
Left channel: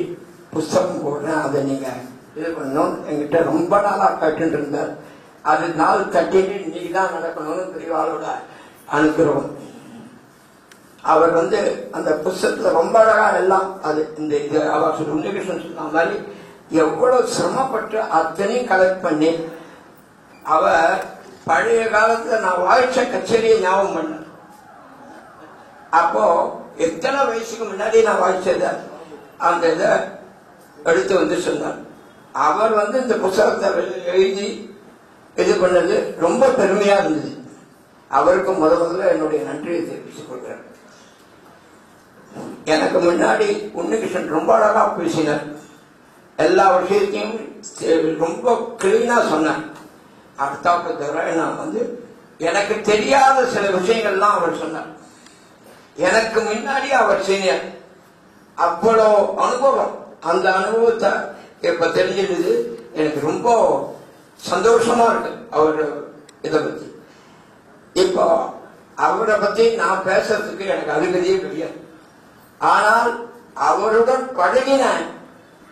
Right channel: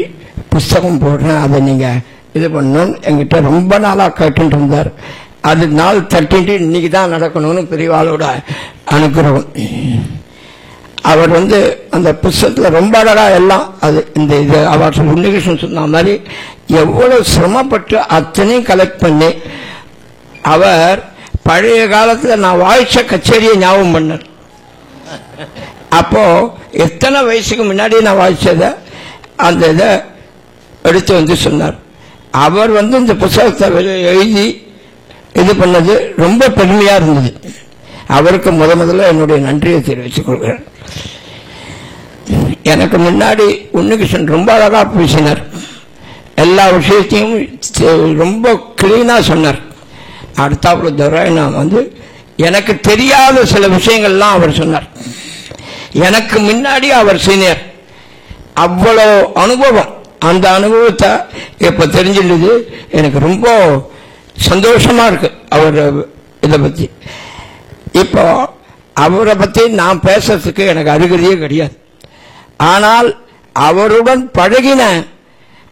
புஸ்தகம் போடுறேன், அதை நீங்கள் இது பண்ணணும்னு என்கிட்ட ரொம்ப நாளாக கேட்டுட்டு இருந்தார். அது நாள் தட்டிட்டு இன்னைக்கு தான் நடக்கணும்னு பெரியவாளோட அனுகிரகம். அவர் வந்து அந்த புஸ்தகத்தில் ரொம்ப அழகாக எல்லாம் அது இந்த இது அவர் உன்னிகிருஷ்ணன் சொன்ன மாதிரி எவ்வளோ சிரமப்பட்டு அத்தனையும் கலெக்ட் பண்ணி அவர் பழைய காலத்தில் நான் வாய்ச்ச கச்சேரியை ஞாபகம் பண்ணார். அப்போ எத்தனை வயசுக்கு முன்னாடி நான் வாய்ச்சதை அந்த இதை எடுத்து வந்து சொன்னார். அவர் வந்து இந்த புஸ்தகத்தை எழுதி இது பண்ணது ரொம்ப பெருமையாக இருந்தது. அவருக்கு முதல்ல என்னுடைய நன்றியை தெரிவித்துக் கொள்கிறேன். எனக்கு முன்னாடி உன்னிகிருஷ்ணன் ரொம்ப அழகாக பேசினார், எல்லா விஷயத்தையும் ரொம்ப கிளீனாக சொன்னார். அடுத்தாப்புல துரையனா வந்து எனக்கு தெரியாத சில விஷயங்கள்லாம் அவர் சொன்னார். எனக்கு முன்னாடி அவர் சீனியர், அவ்வளோ அனுபவம். அந்த அனுபவத்தை இப்போ தெரிஞ்சிருந்தது. எனக்கு ரொம்ப சந்தோஷமாக இருக்கு அவர் இதை பற்றி. இப்போ அவரை பற்றி நான் பேசுறதுக்கு எனக்கு அருகதையே கிடையாது. ஆனால் அவருடன் பழகின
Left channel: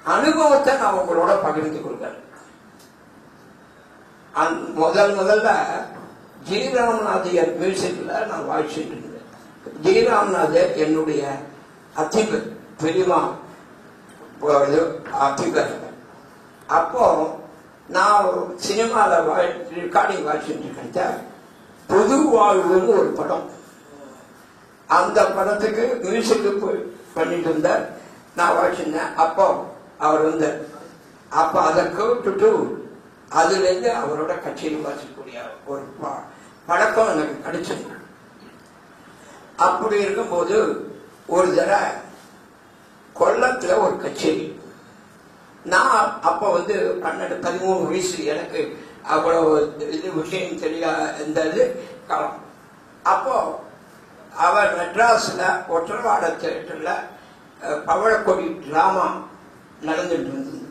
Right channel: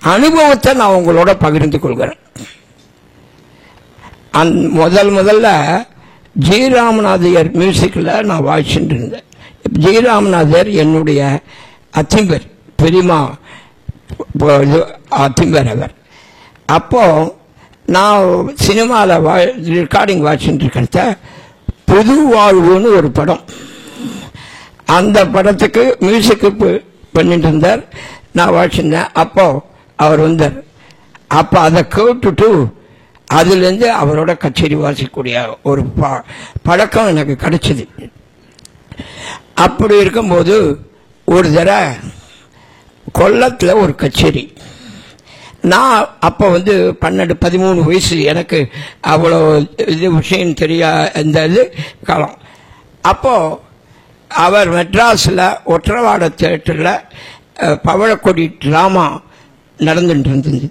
அனுபவத்தை நான் உங்களோட பகிர்ந்து கொள்கிறேன். முதல்ல ஜி ராமநாதையர் மியூசிக்கில் நான் வாய்ச்சிட்டு இருந்தேன். ஜி ராமநாதர் என்னுடைய அத்திம்பர், பெரியமா அத்திம்பர் அவர். அப்போ நான் சினிமாவில் ரெக்கார்டிங் வாட்சிட்டு இருக்கிறத புது வாழ்வுன்னு ஒரு படம், அந்த படத்துக்கு மியூசிக்கு பண்ணிட்டு இருந்தார். நான் வாட்சிருந்தேன். அப்போ அவர் வந்தார். அப்போ அதை கேட்டுட்டு அதுலேருந்து அவரோட கச்சேரி வாசிக்கக்கூடிய ஒரு பழக்கம் எனக்கு கிடைச்சிது. அப்படி இருக்கும்போது ஒரு தடவை கொல்லத்தில் ஒரு கச்சேரி. நான் அப்போ வந்து 12-13 வயசு, எனக்கு அவ்வளோ இது விஷயம் தெரியா இந்த இது காலம். அப்போது அவர் மெட்ராஸில் ஒற்றவாட தியேட்டரில் பவழக்கொடி ட்ராமா நடந்துட்டு இருந்தது.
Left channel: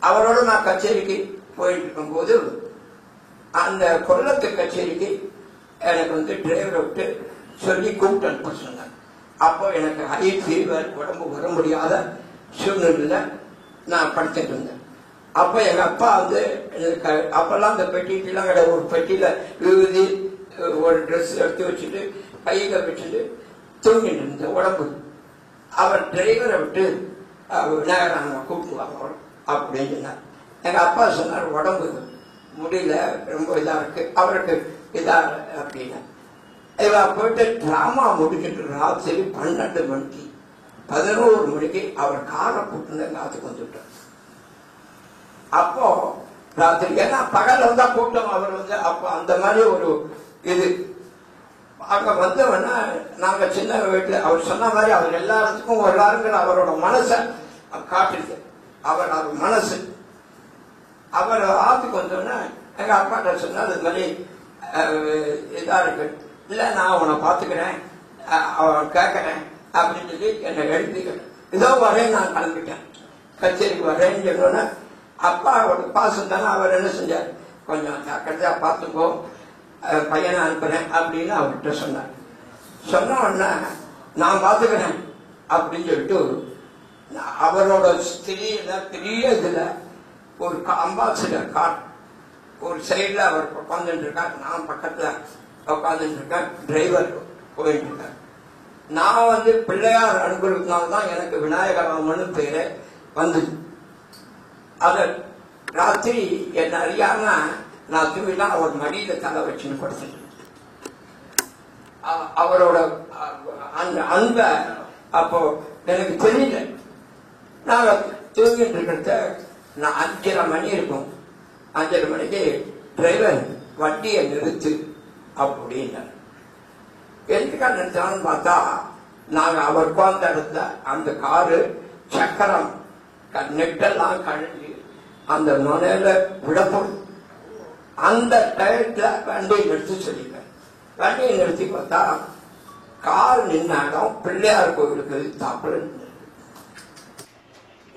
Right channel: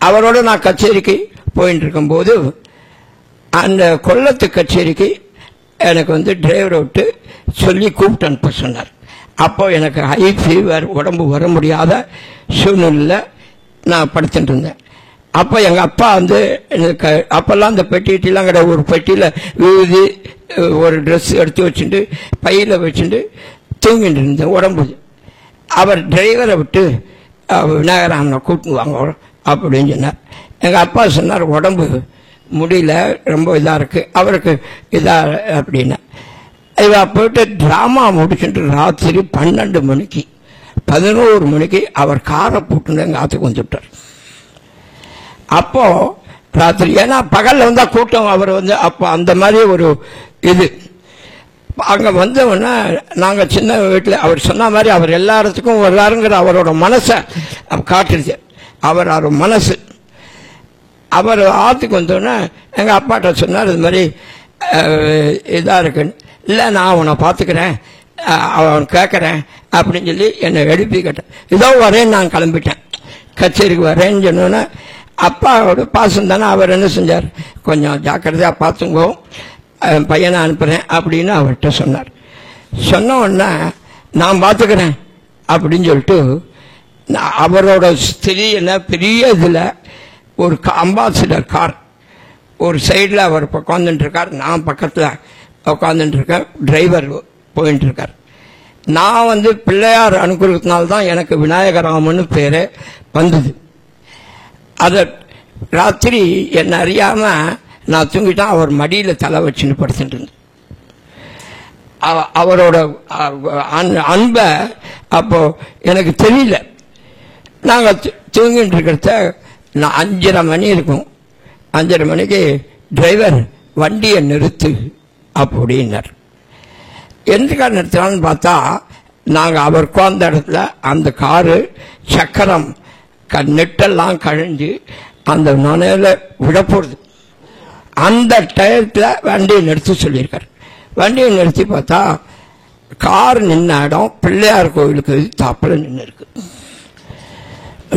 அவரோட நான் கச்சேரிக்கு போயிட்டு இருக்கும்போது அந்த கொல்லத்து கச்சேரிக்கு எனக்கு வந்து டிரைவரை விட்டு சொல்லி கூப்பிட்டு அனுப்ப சொன்னார். அப்போ எனக்கு ஹை ஃபீவர், உடம்பு வர முடியாத சூழ்நிலையில் நான் படுத்துட்டு இருந்தேன். அப்போ எங்கள் அப்பா வந்து எனக்கு அப்போல்லாம் அந்த பெட்டிலாம் கிடையாது, ஒரு பெட்டியில் விழுதி ஒரு ட்ரெஸ் எடுத்து வச்சுட்டு பையில் வச்சுட்டு தூங்கிட்டு இருந்தேன் உடம்பு. அவர் டிரைவரை விட்டு விநாயகராமனை கூப்பிட்டு வாங்க அப்படின்னு சொன்னார். எங்கள் அப்பா சொன்னார் உடம்பு முடியல, ரொம்ப இதாக இருக்குது, அவருக்கு இதாக அப்படின்னா. இவ போயிட்டு ட்ராமா முடிச்சுட்டு ராத்திரி 12 மணிக்கு 11 மணிக்கு அவர் காரை போட்டுன்னு எங்கள் ஆற்றுக்கு வந்துவிட்டார். அப்போ ராத்திரி, ஏன்னா பகலில் வந்தால் கூட்டம், அவர் வந்து அப்போ அந்த மாதிரி ஒரு இது. அங்கே வந்தவொடனே நாங்கள் சின்ன வீட்டில் அவர் சொன்ன மாதிரி அவர் எல்லா இடத்துக்கும் வர்றாருங்கிற அவரோட மனசை காட்டுச்சு. அவர் மனசு அவர் ஆற்றுக்கு வந்தோடனே எங்கள் அப்பாட்ட சொன்னார், இது மாதிரி இதாக இருக்குன்னு. இல்லை, நான் அவனை பார்த்துக்கிறேன், அவன் கேட்குறேன் அப்படின்னு சொல்லி என்னை எழுப்பி கேட்டேன். இதோ வரேன்னு நான் கிளம்பிட்டேன், கச்சேரிக்கு வரேன்னு சொன்னோன்னே அப்பாவோட பாசம் தானே. அவர் என்ன செஞ்சார், கொஞ்சம் ஜாக்கிரதையாக பார்த்துங்கோ, பையனை அனுப்புகிறேன் அப்படின்னு அவர்கிட்ட சொன்னார். சொன்ன உடனே நான் பார்த்துக்கிறேன் அப்படின்னு சொல்லிட்டு அவரோட ஸ்திரீ என்ன பெரிய இதில் ஒரு அம்பாசிடர் கார் ஒரு சைடில் அவர் உட்காந்துட்டுருக்கார், நான் பக்கத்தில் உட்காந்துட்டுருக்கேன், டிரைவர் போயின்ட்டுருக்கார். நான் வந்து பிள்ளையார் அனுப்புறதுனால்தான் எனக்கு விநாயகராமன்னு பேர் வந்தது. அதை ராத்திரி என்னை அறியாமல் நான் தூங்கிட்டான், அவர் மடியில் தலை வச்சுன்னு படுத்துட்டு இருந்தேன். அவரோட அன்பை அப்போ எனக்கு தெரியல. நாங்கள் தூங்கிட்டு இருக்கிறத நான் 5:30 மணி இருக்கும். 5:30 மணிக்கு டிரைவர் வண்டியை நிறுத்து அப்படின்னார். எதுக்காக நிறுத்தினான்னு பார்த்தா, நாங்கள் அவர் உட்கார்ந்த இடத்துல அந்த காரு சக்கரம் நெட்டெல்லாம் கழிஞ்சு அந்த நுனையில் விடப்போகுது. அந்த டயத்தில் வண்டியை நிறுத்தி சொல்லியிருக்கார். வண்டியை நிறுத்தி பார்த்தா கார் நின்ன இடம் பிள்ளையார் கோயிலுக்கு தாப்பில் நின்று இருக்கு.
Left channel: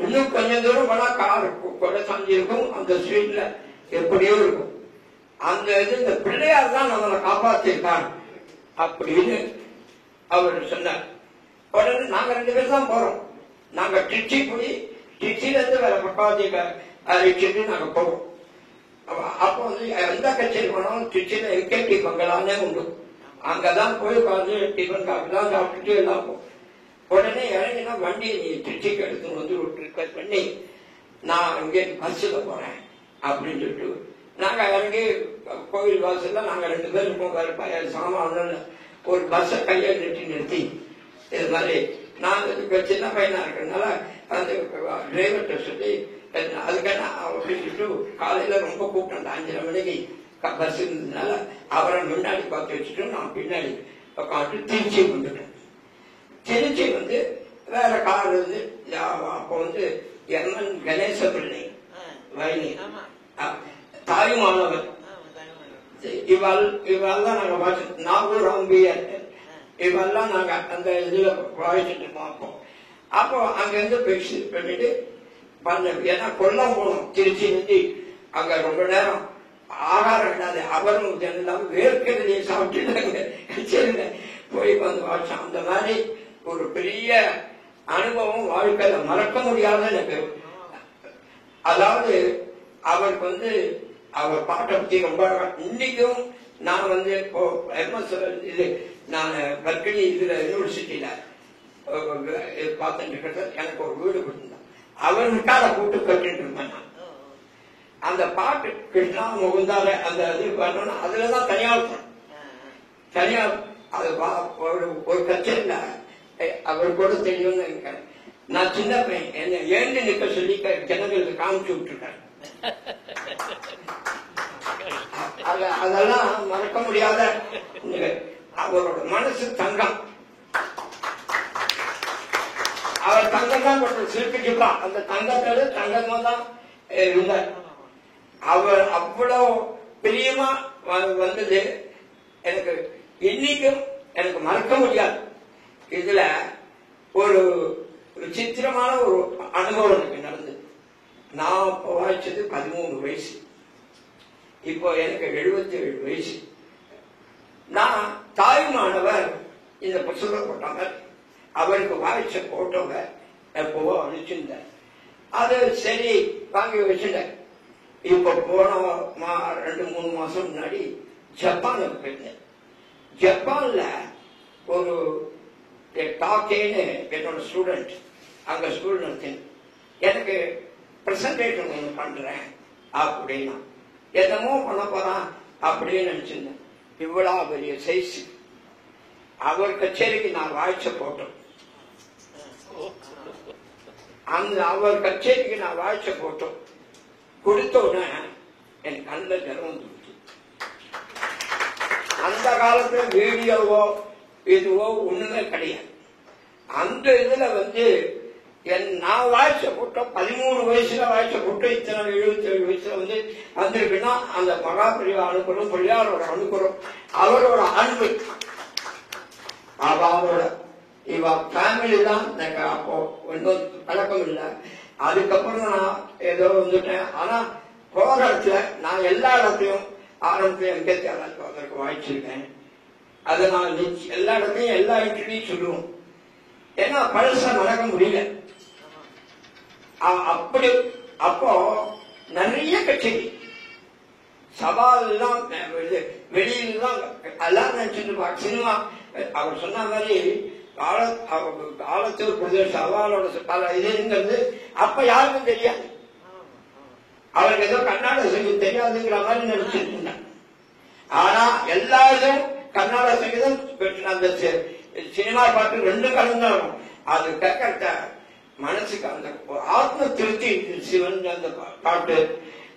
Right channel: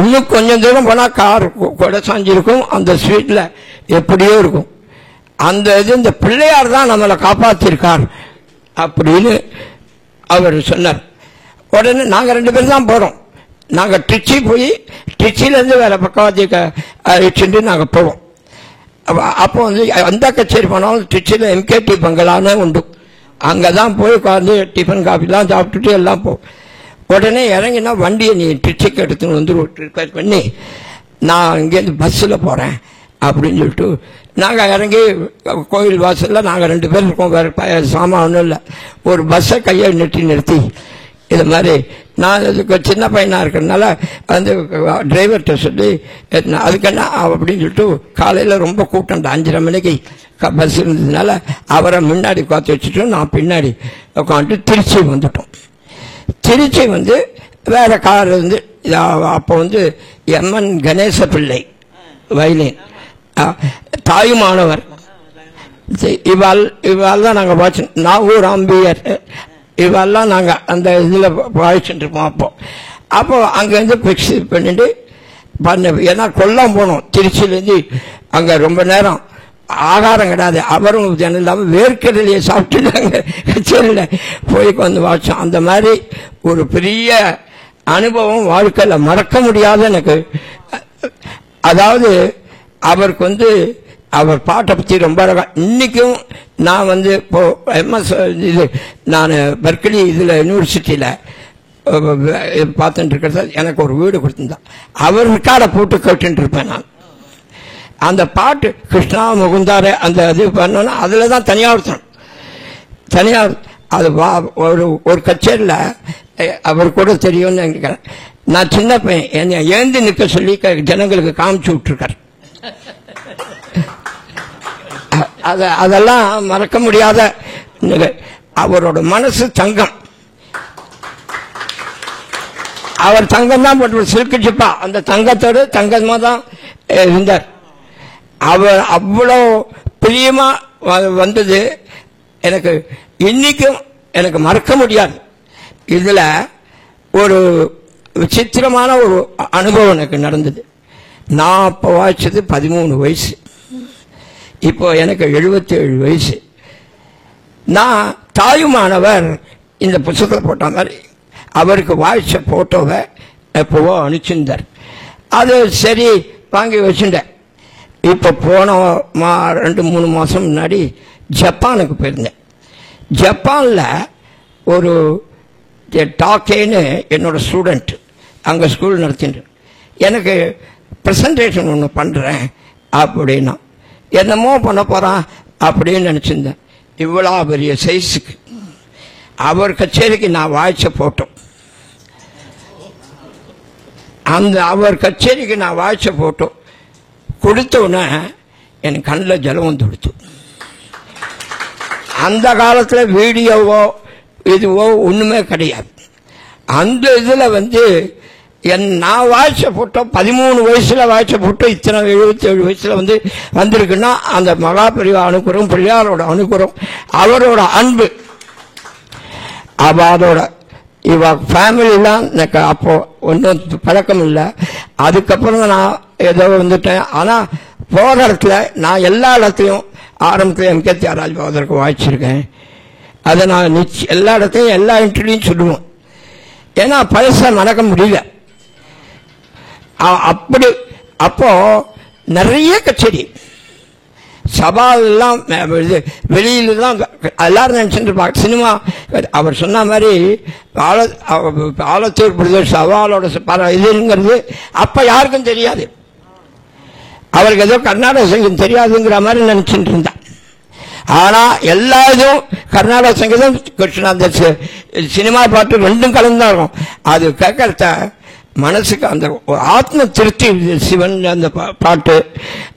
இன்னும் கொஞ்சம் தூரம் போனால் கார் கொடை சாஞ்சிருக்கும், அந்த ஸ்ட்ரீட்டில் எப்படியோ இருக்கும். அந்த இது இந்த பிள்ளையார் தான் நம்மளை காப்பாற்றிருக்கார் அப்படின்னு அவர் சொன்னார். உடனே நாங்கள் 2 பேர் தான் போகிறோம். நாங்கள் திருச்சி போய் திருச்சியிலேருந்து வேறு பக்கவாதிக்கு அழைச்சிட்டு நாங்கள் போவோம். அப்போ வந்து எந்த கச்சேரி போனாலும் திருச்சியில் எம்கேடி பங்களான்னு உண்டு, அங்கே தான் போய் உட்காந்து டிஃபன் காஃபிலாம் சாப்பிட்டுட்டு எல்லாம் போவோம். உடனே இறங்கினா வண்டியை நீ திருச்சிக்கு எடுத்துன்னு வந்து ரிப்பேர் பண்ணி நான் இங்கேருந்து பஸ்ஸில் போகிறேன் அப்படின்னு சொல்லிட்டு நாங்கள் இறங்கி கோயில் வாசலில் நாங்கள் 2 பேர் இருக்கோம், வேறு சாமான் ஒன்றும் இல்லை. ஒரு பஸ்ஸை கையை நிறுத்தி இது மாதிரி நான் இதுக்கு சின்ன பையனாக இருக்கிறதுனால வந்து டிரைவர்கிட்ட சொல்லி அதுக்கென்ன அப்படின்னு சொல்லிட்டு காலையில் ரொம்ப கூட்டம் 5:30 மணிக்கு பஸ் இருந்ததுனால அவரை முன்னாடி உட்காந்து வச்சுட்டு நான் பின்னாடி உட்காந்து திருச்சி வந்துட்டோம். திருச்சி வந்து வேறு கார் வந்து அப்போ வந்து எம்என் கணேச பிள்ளை வயலின் தாயுமானவர் இவாள் தான் நாங்கள் வாட்சி நாகூர் அம்பியர் இவெல்லாம் நாங்கள் அந்த இதில் வாய்ச்சிட்டு இருப்போம். அப்போ அங்கேருந்து ஃபிக்ஸ் பண்ணிட்டு ஏன்னா கொல்லம் போனோம் திருச்சியிலேருந்து. அங்கே ரொம்ப நேரம் ஆகாரம் கிடையாது, அவரும் ஜனம் இல்லாமல் வேர்க்கடலையை சாப்பிட்டுட்டாங்க கச்சேரியில் போய் வந்து வாட்சோம். அந்த மாதிரி ஒரு பெரிய அனுபவம் வாழ்க்கையில் மறக்க முடியாத எனக்கு. அதாவது அவருக்கு வந்து அவர் பாட்டை பற்றி ரொம்ப அழகாக இன்றைக்கும் நான் வந்து இப்போ எம்எஸ் இது நான் பெர்க்லி இதில் யூனிவர்சிட்டியில் பார்த்துட்டு இருக்கிறத எனக்கு ஒரு வீடு கொடுத்துருந்தான். அவர் ரெக்கார்டை போட்டு கேட்டுட்டு இருப்பேன் நான். அந்த பாட்டு கிருஷ்ணா முகுந்தார அந்த இது பண்ணோன்னா அதில் தான் தனியாக அது ஒரு கச்சேரியில் அவர் கூட தெரியும்னு நினைக்கிறேன். நான் சின்ன பையன் என்னை ஏந்தி நிற்க சொல்லி ஜனங்களுக்கு காமிச்சு விட்டுருக்கார். அதெல்லாம் மறக்க முடியாத நிலை. அவரோட மனசு தங்கம், அவர் தங்கம் தான் போட்டு சில்கு சிப்பா அந்த தங்கத்தோடு தங்கமாக தான் இருந்தார். அவர் அவ்வளோ பிரியமா வந்தது எனக்கு இன்னைக்கும் எனக்கு மறக்க முடியாது. இதில் ஒரு விசித்திரமான ஒரு அனுபவம் எனக்கு நடந்தது. நான் அப்போ வாய்ச்சது 13 வயசு, இப்போ எனக்கு 77 வயசு. நான் தாயுமானவர் இந்த புத்தகத்தில் போட்ட மாதிரி அவருக்கு வாய்ச்ச போட்டோவை எப்போவோ அனுப்பிச்சிருந்தார். அது சரி வாங்கி வச்சுட்டேன். இப்போ போன 2-3 மாதம் முன்னாடி ஜப்பானுக்கு போயிருந்தேன். ஜப்பானில் ஒரு டாக்கேன்னு என்னோட ஸ்டூடெண்ட் அங்கே ஸ்கூல் நடத்திட்டு எனக்கு ப்ரெசன்டேஷன் ஒன்று பண்ணுறேன் அப்படின்னா என்னமோ பண்ண போகிறான் அப்படின்னு நினச்சிருந்தேன். இவ்வளோ பெரிய சைஸுக்கு அவர் கச்சேரிக்கு நான் வாய்ச்ச போட்டோம். அந்த அவர் கச்சேரிக்கு நான் வாய்ச்ச போட்டோம் கொடுத்தோன்னே எனக்கு கண்ணில் ஜலம் வந்து கொடுத்து. அந்த காலத்தில் வீடியோவோ இதுவோ ஒன்றுமே கிடையாது. அந்த இதில் நான் வாய்ச்ச போட்டோ 13 வயசில் வாய்ச்ச போட்டோ இத்தனை 77 வயசில் வந்திருக்குன்னா அந்த மகாபெரிவா அனுப்புகிறோம், பிள்ளையாரோட அனுப்புகிறோம், அவரோட அன்பு. அதோட இவ ஃபேமிலிலாம் எனக்கு அப்போ ஒன்றும் பழக்கம் இல்லை. அதுக்கப்புறம் தான் நான் ஏதோ வந்துட்டேன். ஆனால் போகிற இடத்துல நான் எல்லா இடத்துலையும் ஆரம்பத்தில் எம்கே தியாகராஜ பாகவதற்கு வாய்ச்சிருக்கேன். அதை நான் எல்லா இடத்தையும் எல்லா இன்டர்வியூலையும் சொல்லுவோம். ஏன்னா பழசை மறக்க முடியல. அப்படி அப்போ நிறைய கச்சேரி சவாலெல்லாம் வெளியில தான் எல்லாரும் நினச்சிட்டு சினிமா. அவர் சொன்ன மாதிரி ஆலத்தூர் பிரதேஷ் சவாலோட இதுங்கிறது அப்போ யாருக்கும் தெரியாது. அவருக்கு ஏதோ கர்நாடக சங்கீதம் தெரியாதுங்கிற மாதிரி நினச்சிட்டு இருந்தான். ஆனால் எல்லா இதுவும் கர்நாடக சங்கீதம் கிருஷ்ணா சினிமா பாட்டு ரெண்டும் கலந்து தான் இருக்கும். அது கேட்கறத மனசுக்கு அந்த ஆத்ம திருப்தி. சிவன் அந்த பாட்டு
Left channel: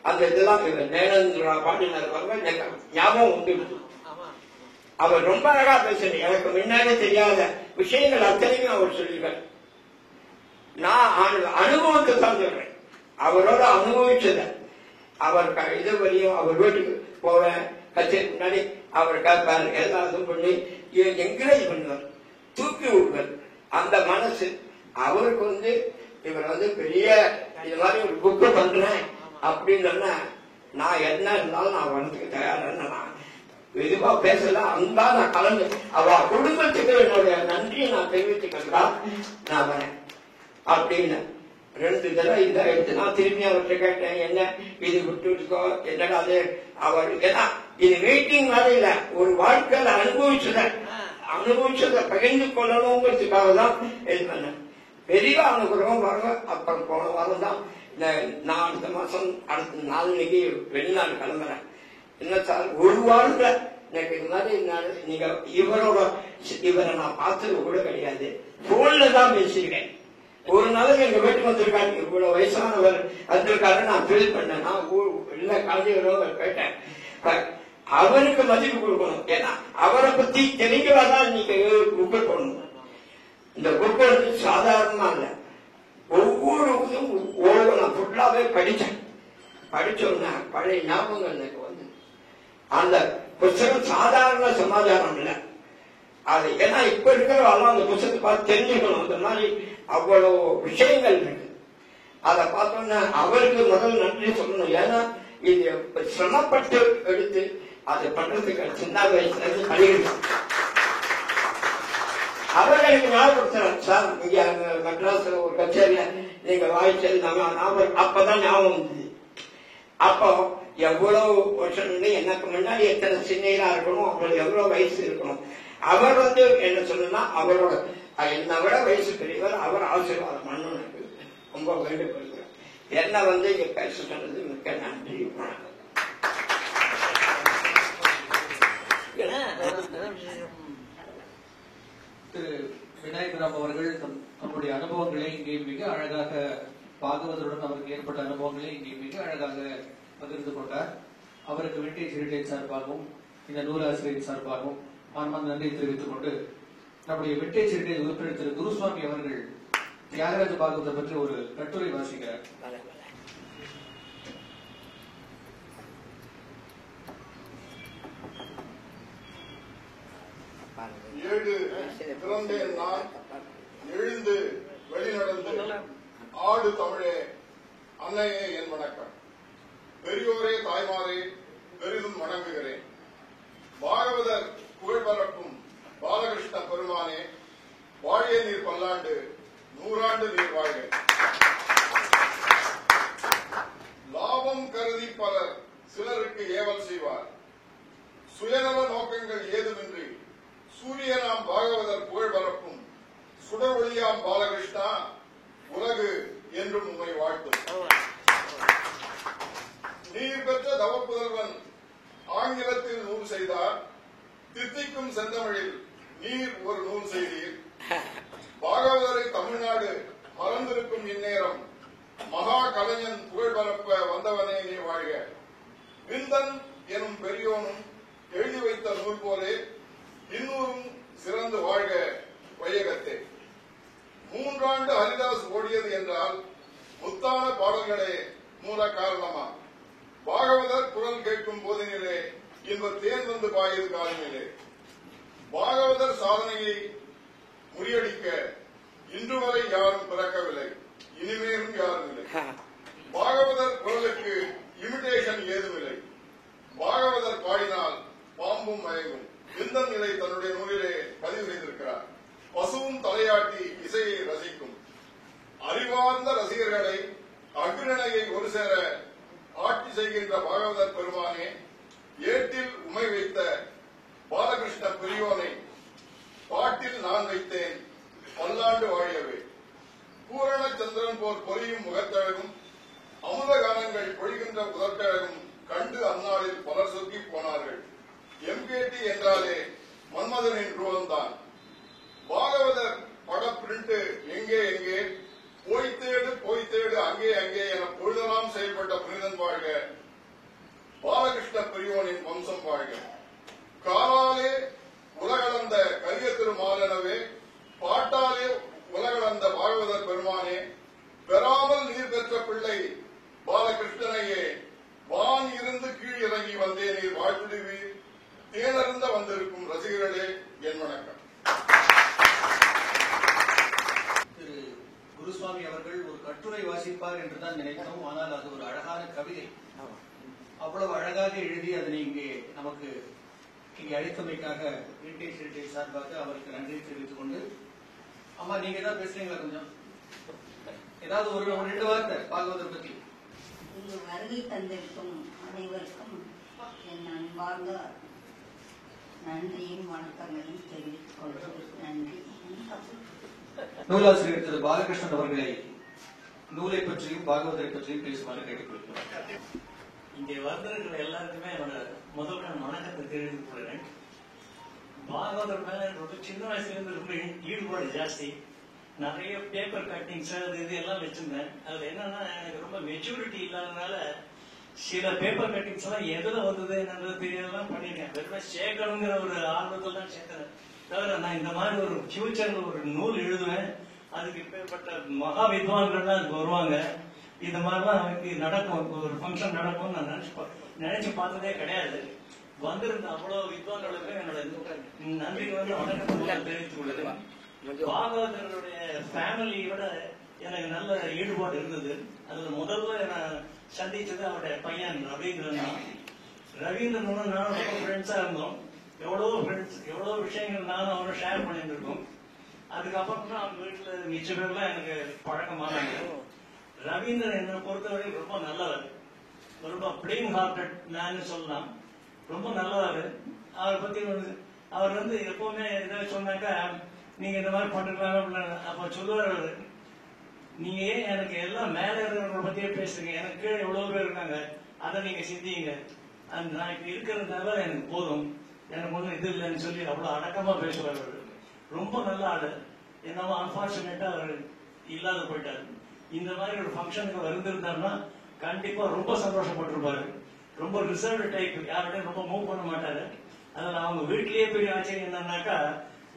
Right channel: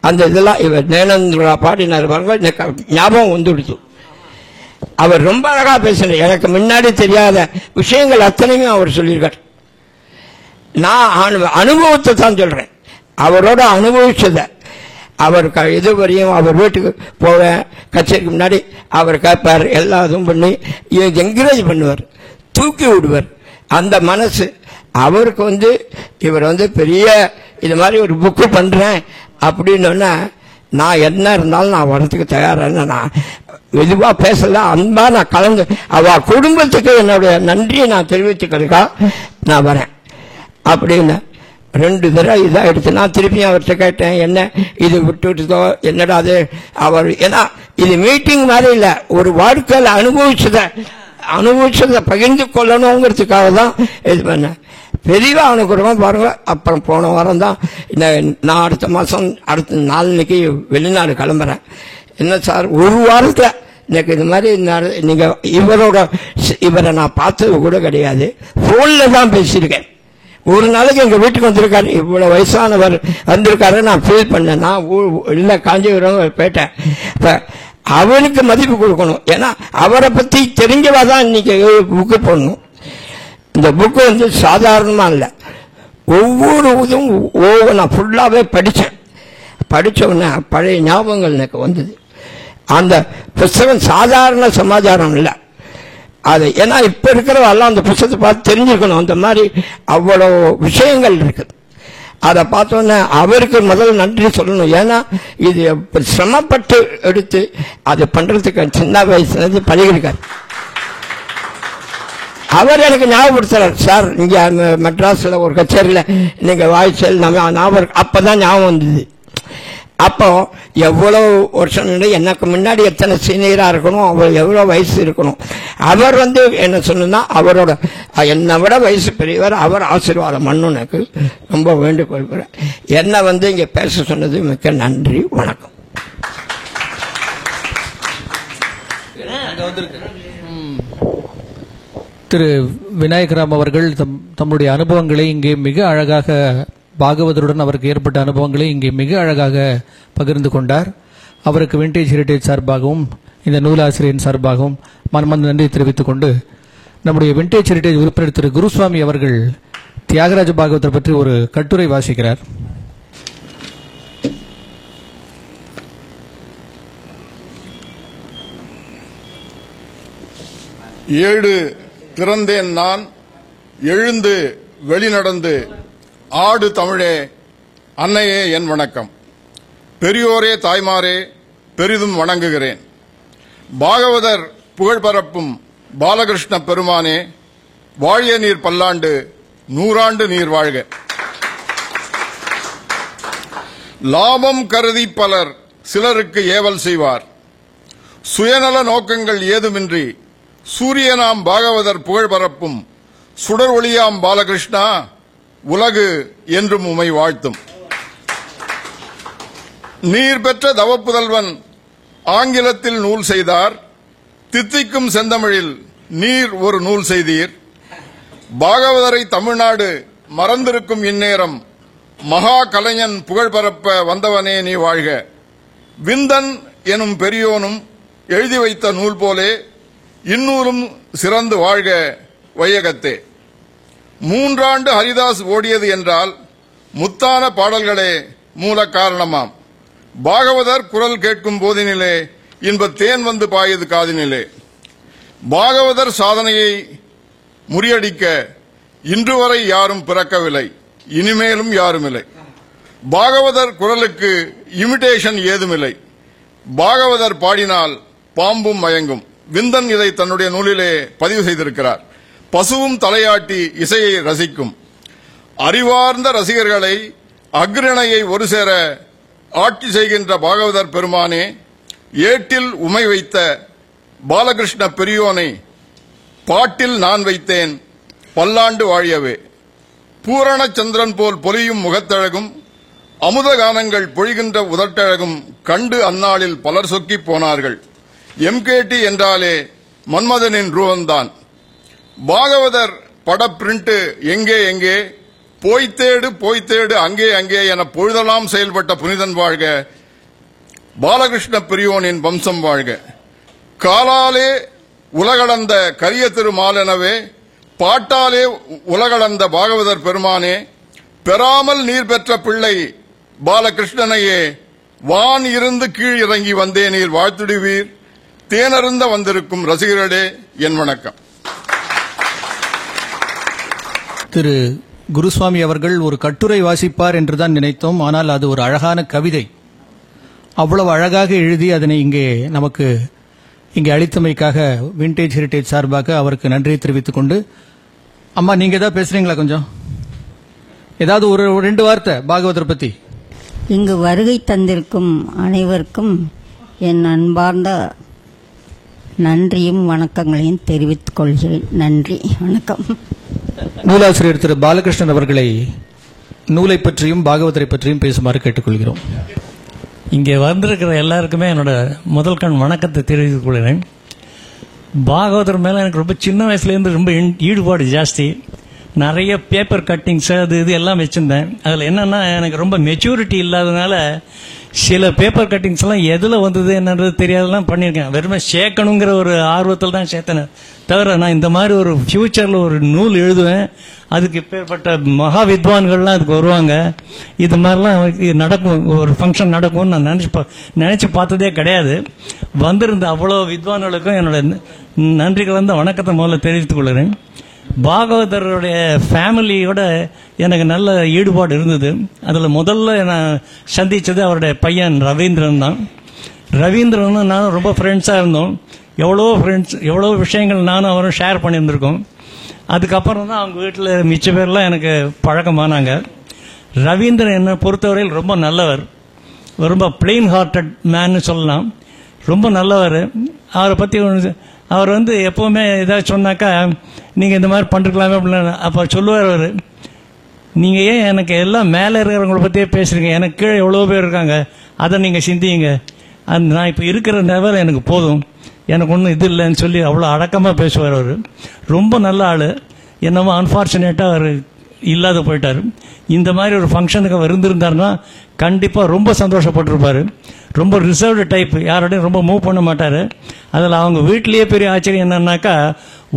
அந்த இதெல்லாம் இவர் நேனந்திரா பாடினார் பாருங்க, ஞாபகம் வந்துடுது. அவர் ரொம்ப அழகாக பேசுகிறார். எனக்கு முன்னாடி தெரியாத விஷயங்கள் அத்தனையும் அவர் சொல்லியிருக்கார். நான் அனுபவத்தை தான் சொல்கிறேன். அவரோட அனுபவிச்சதை அவர் இது வரையும் அவர் வீட்டுக்கு போவேன், கச்சேரிக்கு முன்னாடி அவர் கேட்பார், எல்லா இதுவும் பண்ணி என்கரேஜ் பண்ணுவார், தூக்கி விடுவார். அந்த மனசு அவருக்கு இவர் பெரிய இது மாதிரி ஒரு புக்கு பண்ணுறேன் அப்படின்னா நான் என்ன இருந்தாலும் நான் வரத்துக்கு தயாரான நான் மெதுவாக பேசல, அன்பாக நான் கலந்து அவ குடும்பத்துக்கு என்னுடைய நன்றியை நான் தெரிவித்துக்கிறதுக்கா நான் வரேன் அப்படின்னு 2 தடவை இதாக எடுத்து நான் திருப்பியும் அவர்கிட்ட கேட்டேன், என்ன இது விட்டுதோ என்னடா அது. அவர் ஏன்னா இது மீட்டிங் மாதிரி இல்லை, ஒரு வாழ்க்கையில் அனுபவிச்சதை பகிர்ந்து கொள்ளணுங்கிறதுக்காக தான் இது பண்ணேன். பெரியவா அனுப்புகிறோம் பாருங்க. அப்புறம் போன வாரம் தான் நான் அடுத்த மாதம் அடுத்த நாளைக்கு வெளிநாடு கிளம்புறேன். என்ன சார் ஒரு வாரத்தில் எனக்கு இது மாதிரி நீங்கள் இவரை நான் பார்த்தது கூட கிடையாது, ஃபோனில் தான் பேசியிருக்கேன். ஒரு நாளைக்கு எங்கள் வீட்டுக்கு வந்திருக்காரு, இவ்வளோ வயசானவர் வந்திருக்காரு நான் ஃபீல் பண்ணேன். நான் இல்லை காஞ்சிபுரம் போயிட்டேன். இப்போ அவனுக்கு மதிப்பு கொடுக்கணும். ஏன்னா அவரை பற்றி தெரிஞ்சவா தான் இன்னைக்கு புக்கு போடணும். இந்த புக்கு சாதாரணமாக இல்லை, ஒவ்வொரு இதுவும் நான் ஃபுல்லாகவே படித்தவுடனே பழைய ஞாபகங்கள் எனக்கு வந்தது. அந்த புஸ்தகம் சாதாரண சமாச்சாரம் இல்லை அது. ஏன்னா இப்போ இருக்கிறவெல்லாம் அந்த புஸ்தகத்தை பார்த்து தெரிஞ்சுக்கணும். அந்த மாதிரி அவ்வளோ விஷயங்கள் இருக்குது. அதை பார்த்தோன்னே அவருக்கு முதல் நன்றி சொல்லணும். ஏன்னா இது சிரமப்பட்டு எடுத்து அது பண்ணுறதுக்கு சின்ன வயசுலேருந்து பழகிருக்காரு. அவர் எனக்கு ஞாபகப்படுத்துறார், சார் நீங்கள் மெட்ராஸில் ஒரு கச்சேரியில் நீங்கள் வாய்ச்சல் ஞாபகம் அப்போ தான் ஞாபகம் வந்தது. அப்போ எவ்வளோ வருஷம் எனக்கு முன்னாடி எத்தனை சீனியராக இருக்கணும், அவர் எவ்வளோ வயசு இருக்கணும். அவர் என்ன சொன்னா அவரோட என்னை விட வயசு பெரியவர், அவர் ஆசீர்வாதம் பண்ணணும். எனக்கு ரொம்ப வேண்டுகொள்கிறேன். என்னை இங்கே பேச சொன்னது மிக்க நன்றி, வணக்கம். திரு விநாயகராம் அவர்கள் தம்முடைய அனுபவங்களை இங்கே மிக அழகாக பாகவதருடன் அவருக்கு ஏற்பட்ட அனுபவங்களை இங்கே மிக அழகாக பகிர்ந்து கொண்டார். அவருக்கு விண்டேஜ் ஹெரிடேஜ் சார்பாகவும் இந்த நூலாசிரியரின் சார்பாகவும் மனமார்ந்த நன்றி தெரிவித்துக் கொண்டு நம்முடைய விண்டேஜ் ஹெரிடேஜ் உறுப்பினர் திரு குருசுவாமி அவர்கள் தியாகராஜ பாகவதர் பற்றி ஒரு கட்டுரை வாசிக்கிறார். ஏழு திறந்தேன் நான், எழுந்து வெளிநடந்து ஆடு தமிழே, அன்னையே என் வணக்கம். பெரியோரே தாய்மாரே பெரிதும் வணங்குகிறேன். பாகவதர் புகழ் பரப்பும் பாலகிருஷ்ண பெருமானே, வாழிய நீர் பல்லாண்டு, நூறாண்டு நீர் வாழ்க. லாபம் கருதி பலர் சிலருக்கு ஏவல் செய்வார். சுயநல நோக்கங்கள் ஏதுமின்றி சூரியனாம் பாகவதர் புகழ் பரப்பும் சுடர் ஒளியாம் பாலகிருஷ்ணா, உலகு என்றும் உமை வாழ்த்தும். நீர் பெற்ற தவப்புதல்வன் ஆங்கிலத்தில் நூல் செய்தார். தித்திக்கும் செந்தமிழில் நீர் ஒரு நூல் செய்தீர். பாகவதரை தமிழ்நாடு மறந்திருக்கும் இந்நேரம் மகா கலைஞன் புகழ் பரப்ப வந்தவனே நீ வாழ்க. விந்தன் எனும் பெரியோனும் எழுதி வைத்த நூல் போலே இன்னூரும் சிறந்து வாழ்க வையகத்தே. 3 ஆண்டு ஹரிதாஸ் ஓடியது என்றால் முத்தான பாடல்களே மூல காரணமாம். பாகவதர் குரல் கேட்கும் போதினிலே இன்ப தேன் வந்து பாயது காதினிலே. பாகவதர் சாதனையை முறியடிக்க இன்று வரை யாரும் பிறக்கவில்லை, இனிமேலும் யாரும் இல்லை. பாகவதர் குரலுக்கு இமிடேஷன் ஏதுமில்லை. பாகவதர் பாடினால் பாம்பும் மயங்கும். விந்தன் இதை தன்னுடைய நூலிலே பதிவு செய்திருக்கிறார். பசுவும் தலையாட்டி இசையை ரசிக்கும். அறிவார்ந்த ரசிகர்களை அக்ரணையை ஒரு சேர ஆட்சி செய்கின்ற பாகவதர் பெருமானே, ஏட்டில் உமை வைத்த பாலகிருஷ்ண பெரியோனை பாட்டில் நான் வைத்தேன், பல்லாண்டு வாழியவே. பூரண சந்திரன் போல் பொலியும் முகத்தழகும், அமுத கானங்கள் பொழிகின்ற உதட்டழகும் கண்டு அந்நாளில் பலர் சொக்கி போனார்கள். எம்கேடி என்றாலே மன்மதனின் ரூபந்தான். பாகவதர் பட பிரிண்ட் எங்கே எங்கே, போய்த்தேடு அங்கே அங்கே என பொழுதெல்லாம் செயல்பட்ட புனிதன் வாழ்க. பாலகிருஷ்ண பெரியோனின் வம்சம் வாழ்க. காலாலே உலகளந்த கரிய திருமாலெனவே, பாட்டாலே உலகளந்த பாகவதர் பெருமானே, பெறாமல் நீர் பெற்ற பிள்ளை பாலகிருஷ்ணனையே, வான் இருந்து கீழ் இறங்கி வந்தே நீர் வாழ்த்துடுவீர். தேனருந்த வந்திருக்கும் ரசிகர்களே என் வணக்கம். திரு குருசுவாமி அவர்கள் ஒரு கட்டுரை வாசிப்பார் என்றுதான் நினைத்தோம். ஆனால் அது ஒரு அழகான கவிதை. அவ்வளவு அழகாக எழுதி அதனை இங்கே அளித்தமைக்காக விண்டேஜ் ஹெரிடேஜ் சார்பாக அவருக்கு நன்றியை தெரிவித்துக் கொண்டு, அம்மா நீங்க ஏதாவது பேசுறீங்களா? கொஞ்சம் ஏதாவது ஒரு 2 வார்த்தை பாகவதர் பத்தி. இங்கு வருகை தந்திருக்கும் அனைவருக்கும் என் அன்பார்ந்த நன்றியும் வணக்கங்களையும் தெரிவித்துக் கொள்கிறேன். நன்றி, வணக்கம். நூலாசிரியர் திரு பாலகிருஷ்ணன் அவர்களை நூலை பற்றியும் பாகவதரை பற்றியும் பேசுமாறு கேட்டுக்கொள்கிறோம். இங்கே வந்திருக்கிற எல்லாருக்குமே என்னோட முதல் கண் வணக்கத்தை தெரிவித்துக் கொள்கிறேன். பாகவதர் மேலே எனக்கு ரொம்ப சின்ன வயசுலேருந்து ரொம்ப ஈடுபாடு ஜாஸ்தி. நிறைய பேப்பர் கட்டிங்ஸ் அது இது எல்லாம் வச்சுருந்தேன். அதில் என்னென்னா எனக்கு ரொம்ப மெச்சூரிட்டி இல்லாததுனால சில பேப்பர் கட்டிங்ஸ்லாம் எதில் வந்தது என்னன்றது தெரியாதெல்லாம் பண்ணியிருக்கேன். வெறுமே சேர்க்கணுங்கிற ஒரு ஆர்வத்தில் தான் சேர்த்தேன். தவிர நான் இந்த மாதிரி ஒரு ஃப்யூச்சரில் ஒரு நூல் எழுதுவேன், அதுக்கு இப்பேற்பட்ட மகா வித்வான்கள்லாம் அதுக்கு வருவாங்க, இது மாதிரிலாம் நடக்கும், ஒரு ஃபங்க்ஷன் நடக்கும்னு நான் நினச்சி பார்த்ததே கிடையாது. வந்திருந்த அவ்வளோ வித்வான்களுக்கும் என்னோட நன்றி கலந்த வணக்கத்தை முதல்ல தெரிவித்துக் கொள்கிறேன். பாகவதருடைய ஃபேமிலியோட எனக்கு நல்ல ஈடுபாடு இருந்தது. அதில் முதல்ல நான் சந்தித்தது அவருடைய பையன் ரவீந்திரன் தான். ரவீந்திரனும் நானும் ரொம்ப ஃப்ரெண்ட்ஸாக இருந்தோம். எவ்வளோ விஷயங்கள் நானும் அவரும் ஷேர் பண்ணியிருந்திருக்கோம். அதுக்கப்புறம் தான் அவங்க வீட்டில் மிச்ச பேர்லாம் எனக்கு பழக்கமானாங்க. ரவீந்திரன் என்னை பொறுத்தவரையில் ரொம்ப நல்லவர், ரொம்ப பிளெயின் ஹார்ட்டட் மேன்னு சொல்லலாம். ரொம்ப நல்லவர். அவரை பற்றி அவர் எப்போவுமே ஏதாவது சொன்னாக்கா நீங்கள் இந்த மாதிரி பண்ணிருக்கலாமே அப்படின்னு அப்போ சொல்லுவார் அவர், நீங்கள் ஏன் எனக்கு எல்லாம் மேலே இருக்கிறவங்கள பற்றியே பேசுகிறீங்க, எனக்கு கீழே எவ்வளோ பேர் இருக்காங்க, அதை நீங்கள் சிந்திங்க, நான் இப்போ இருக்கிற லெவல் எனக்கு போதும், எனக்கு ஒன்றும் இது இல்லைன்னு சொல்லி அவ்வளோ அடக்கமாக பேசுவார் அவர். ரொம்ப நல்ல ஆள். என்னமோ அன்ஃபார்ச்சுனேட்டாக அவர் இல்லாத போயிட்டார். இந்த மாதிரி ஒரு ஃபங்க்ஷனுக்கு அவர் இருந்திருந்தாருன்னா கண்டிப்பாக ரொம்ப சந்தோஷப்பட்டிருப்பார். ரொம்ப ரிசர்வ்டு டைப், யாரோடையும் ரொம்ப மூவ் பண்ண மாட்டார். அதில் அவங்க வீட்லேயே பெரிய ஆச்சரியம் என்னன்னாக்கா,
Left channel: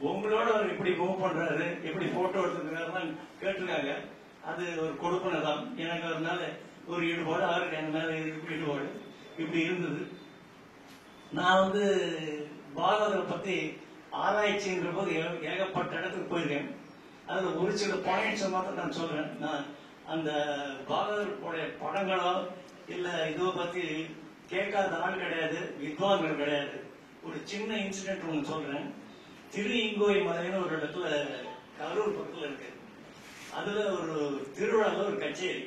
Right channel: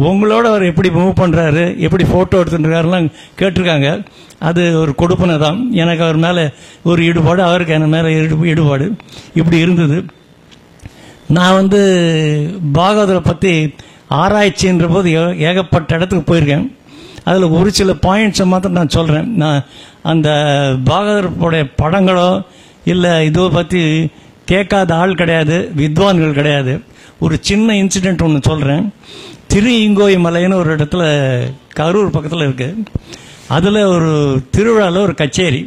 உங்களோட அவர் எப்படி மூவ் பண்ணுறாரு, எப்படி ஃபோட்டோ எடுத்துட்டுருக்காருலாம் கேட்டிருக்காங்க. அது ஒரு கொடுப்பனை தான். எனக்கு அவர் மேலே ஒரு ஈடுபாடு, அவருக்கு என் மேலே ஈடுபாடு இப்படி இருந்தது. நான் பாகவதரை பற்றி ஆராய்ச்சின்ற போது ஏகப்பட்ட இடத்துக்கு போயிருக்கேன். அதில் ஒரு சில பாயிண்ட்ஸை மாத்திரம் நான் சொல்கிறேன். நான் அந்த பாகவதருடைய படங்களோ இல்லை இதோ பற்றி கேட்காத ஆள் கிடையாது, வித்வான்கள் கிடையாது. ஒரு சின்ன இன்சிடெண்ட் ஒன்று சொல்கிறேன். திரு இங்கோய் மலைன்னு ஒரு இடத்துல கரூர் பக்கத்தில் இருக்குது. அதில் ஒரு திருவிழாவில் ஒரு கச்சேரி.